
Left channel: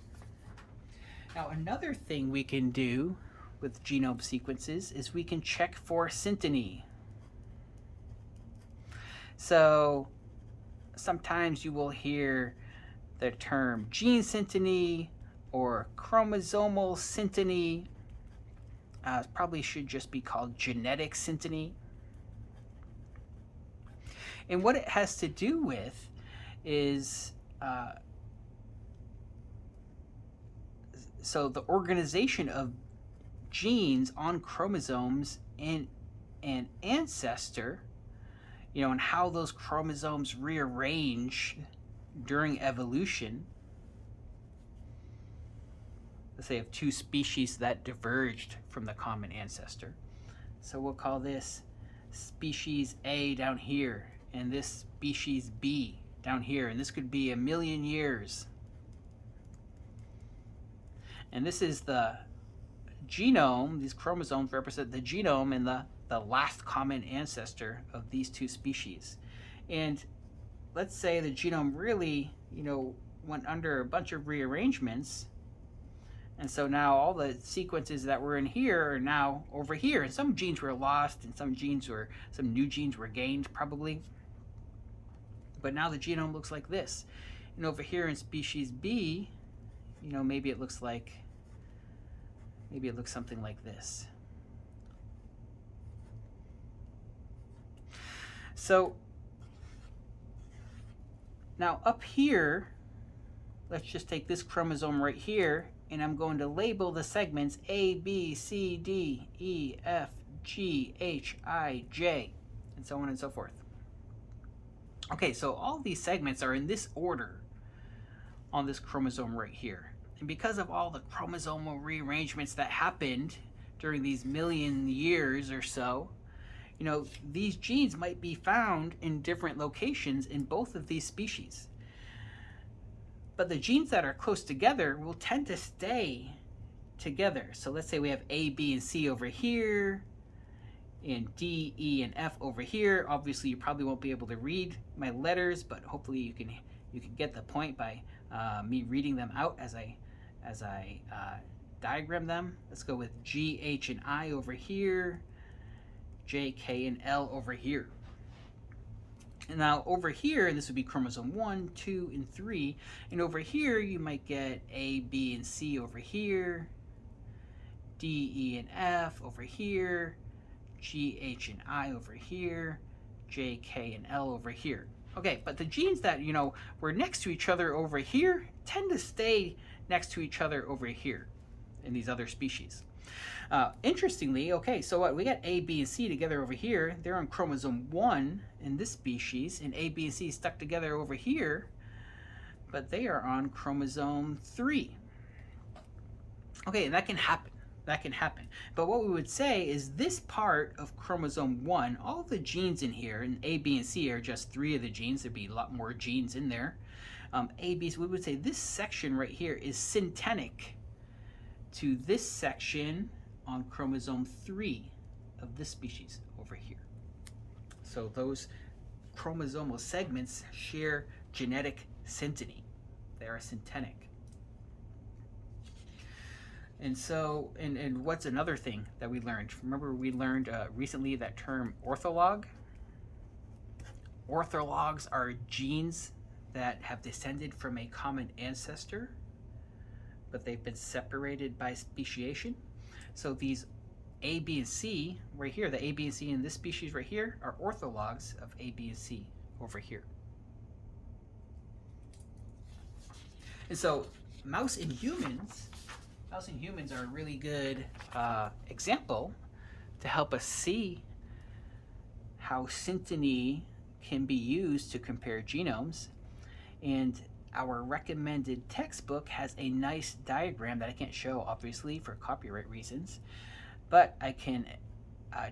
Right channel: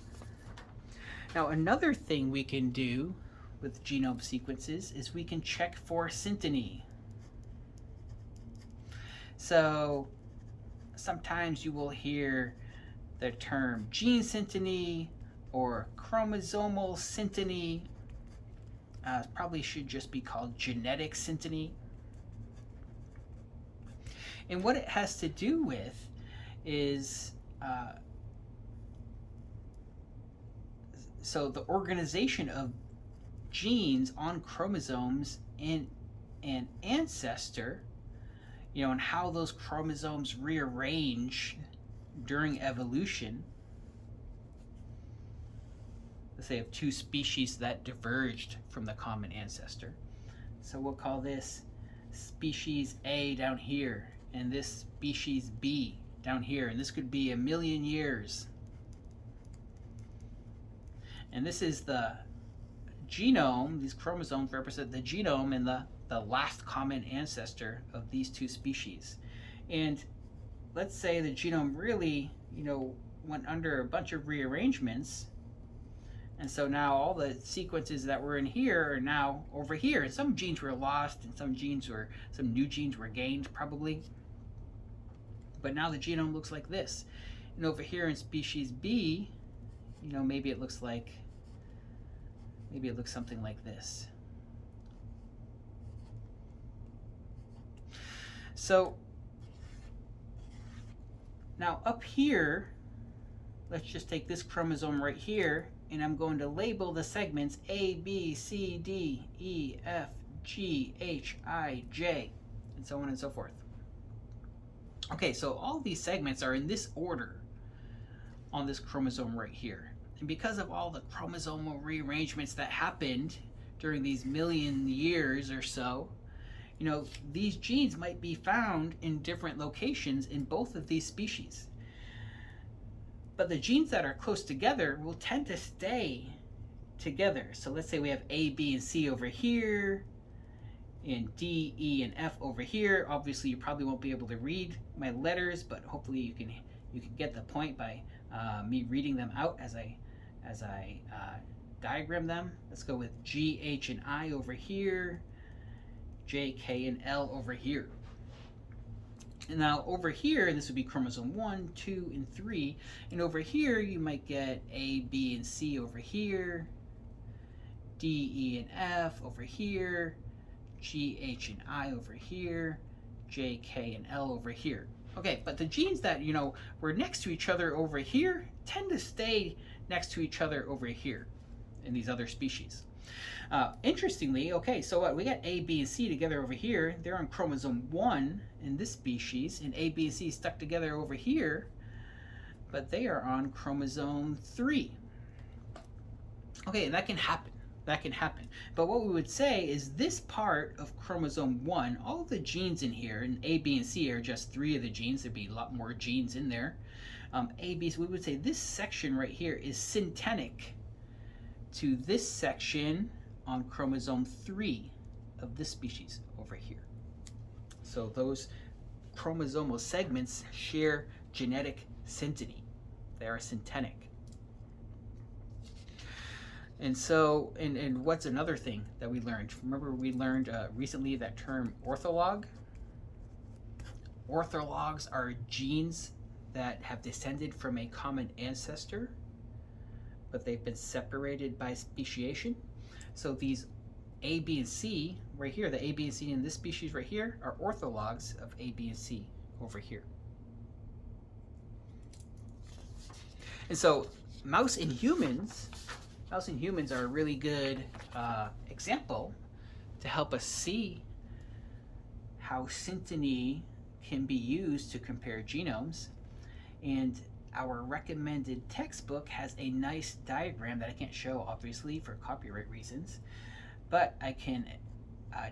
Now, another thing we can do with genome sequences is we can check for synteny. So sometimes you will hear the term gene synteny or chromosomal synteny. Probably should just be called genetic synteny. And what it has to do with is so the organization of genes on chromosomes in an ancestor, and how those chromosomes rearrange during evolution. Let's say of 2 species that diverged from the common ancestor. So we'll call this species A down here, and this species B down here, and this could be 1,000,000 years. And this is the genome. These chromosomes represent the genome and the last common ancestor of these 2 species. And let's say the genome really, went under a bunch of rearrangements, and so now all the sequences that were in here are now over here. And some genes were lost, and some new genes were gained, probably. But now the genome looks like this. And over here in species B, maybe it looks something like this. So now up here, let's just take this chromosome right here, and I'm going to label the segments A, B, C, D, E, F, G, H, I, J, and so on and so forth. Okay, so all these segments are in this order on this chromosome right here. And because of all the chromosomal rearrangements that happened during these 1,000,000 years or so, these genes might be found in different locations in both of these species. But the genes that are close together will tend to stay together. So let's say we have A, B, and C over here, and D, E, and F over here. Obviously, you probably won't be able to read my letters, but hopefully you can get the point by me reading them out as I diagram them. Let's go with G, H, and I over here, J, K, and L over here. And now over here, this would be chromosome 1, 2, and 3. And over here, you might get A, B, and C over here, D, E, and F over here, G, H, and I over here, J, K, and L over here. Okay, but the genes that, were next to each other over here tend to stay next to each other over here in these other species. Interestingly, okay, so what? We got A, B, and C together over here. They're on chromosome 1 in this species, and A, B, and C stuck together over here, but they are on chromosome 3. Okay, and that can happen. That can happen. But what we would say is this part of chromosome 1, all the genes in here, and A, B, and C are just 3 of the genes. There'd be a lot more genes in there. A, B, so we would say this section right here is syntenic to this section on chromosome 3 of this species over here. So those chromosomal segments share genetic synteny. They are syntenic. And so, and what's another thing that we learned? Remember we learned recently that term ortholog? Orthologs are genes that have descended from a common ancestor, but they've been separated by speciation. So these A, B, and C right here, the A, B, and C in this species right here are orthologs of A, B, and C over here. And so mouse and humans are a really good example to help us see how synteny can be used to compare genomes. And our recommended textbook has a nice diagram that I can't show, obviously, for copyright reasons, but I can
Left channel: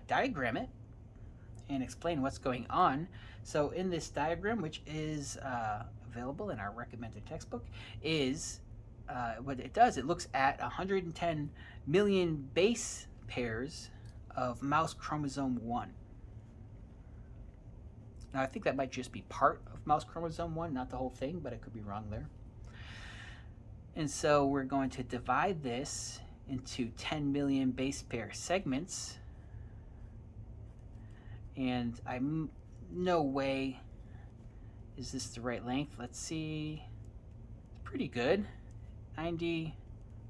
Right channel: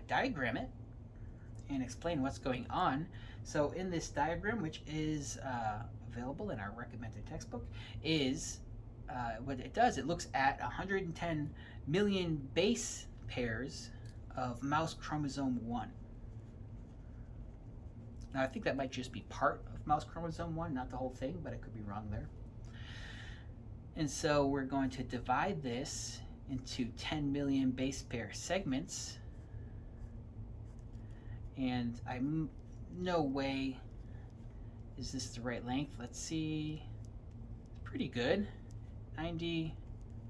diagram it and explain what's going on. So in this diagram, which is available in our recommended textbook, is what it does, it looks at 110 million base pairs of mouse chromosome 1. Now I think that might just be part of mouse chromosome 1, not the whole thing, but I could be wrong there. And so we're going to divide this into 10 million base pair segments. And no way is this the right length. Let's see. It's pretty good. 90,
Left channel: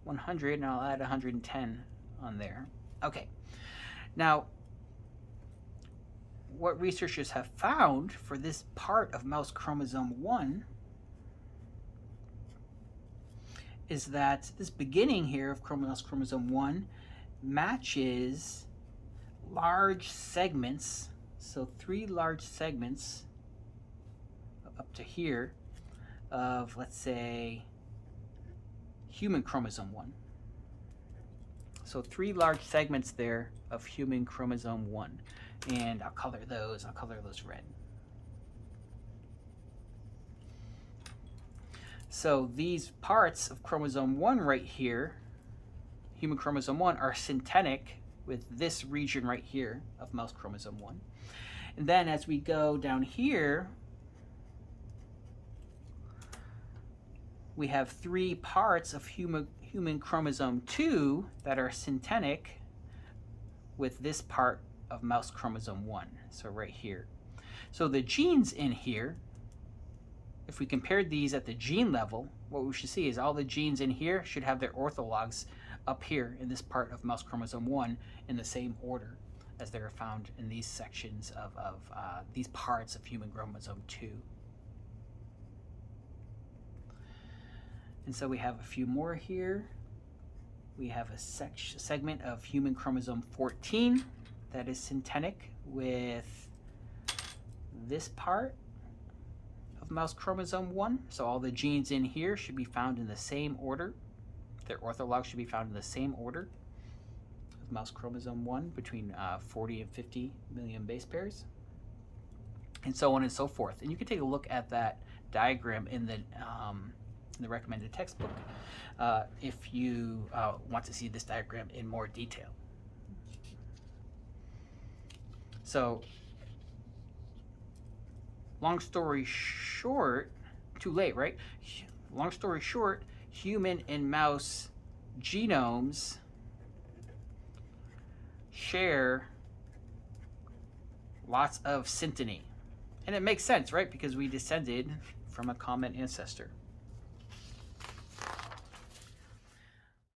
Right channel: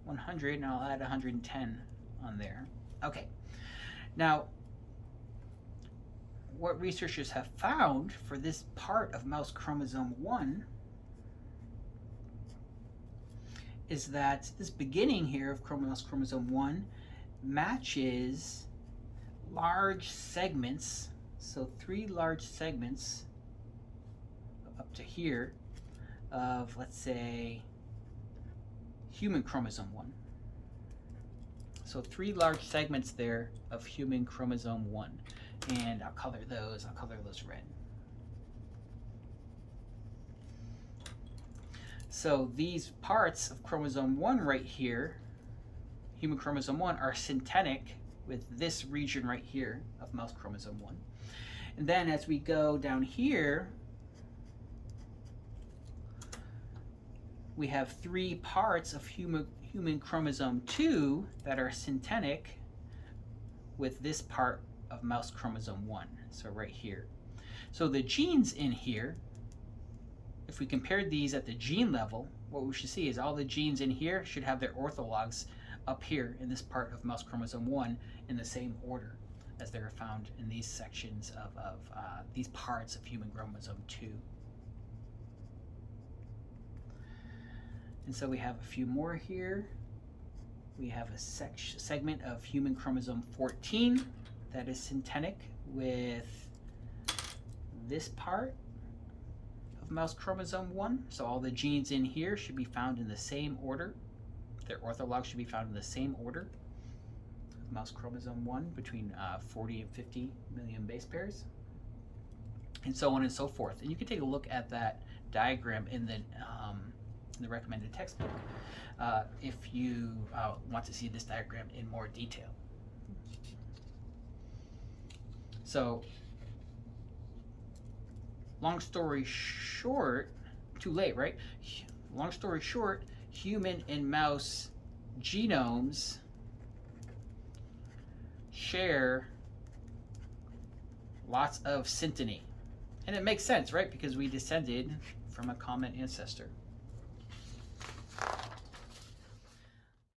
100, and I'll add 110 on there. Okay. Now, what researchers have found for this part of mouse chromosome 1 is that this beginning here of mouse chromosome 1 matches large segments, so 3 large segments up to here of, let's say, human chromosome 1. So 3 large segments there of human chromosome 1. And I'll color those red. So these parts of chromosome 1 right here, human chromosome 1, are syntenic with this region right here of mouse chromosome 1. And then as we go down here, we have 3 parts of human chromosome 2 that are syntenic with this part of mouse chromosome 1, so right here. So the genes in here, if we compared these at the gene level, what we should see is all the genes in here should have their orthologs up here in this part of mouse chromosome 1 in the same order as they are found in these sections of these parts of human chromosome 2. And so we have a few more here. We have a segment of human chromosome 14 that is syntenic with this part of mouse chromosome 1. So all the genes in here should be found in the same order. Their orthologs should be found in the same order of mouse chromosome 1, between 40 and 50 million base pairs, and so on and so forth. And you can take a look at that diagram in the recommended textbook if you want to see this diagram in more detail. So, long story short, too late, right? Long story short, human and mouse genomes share lots of synteny. And it makes sense, right? Because we descended from a common ancestor.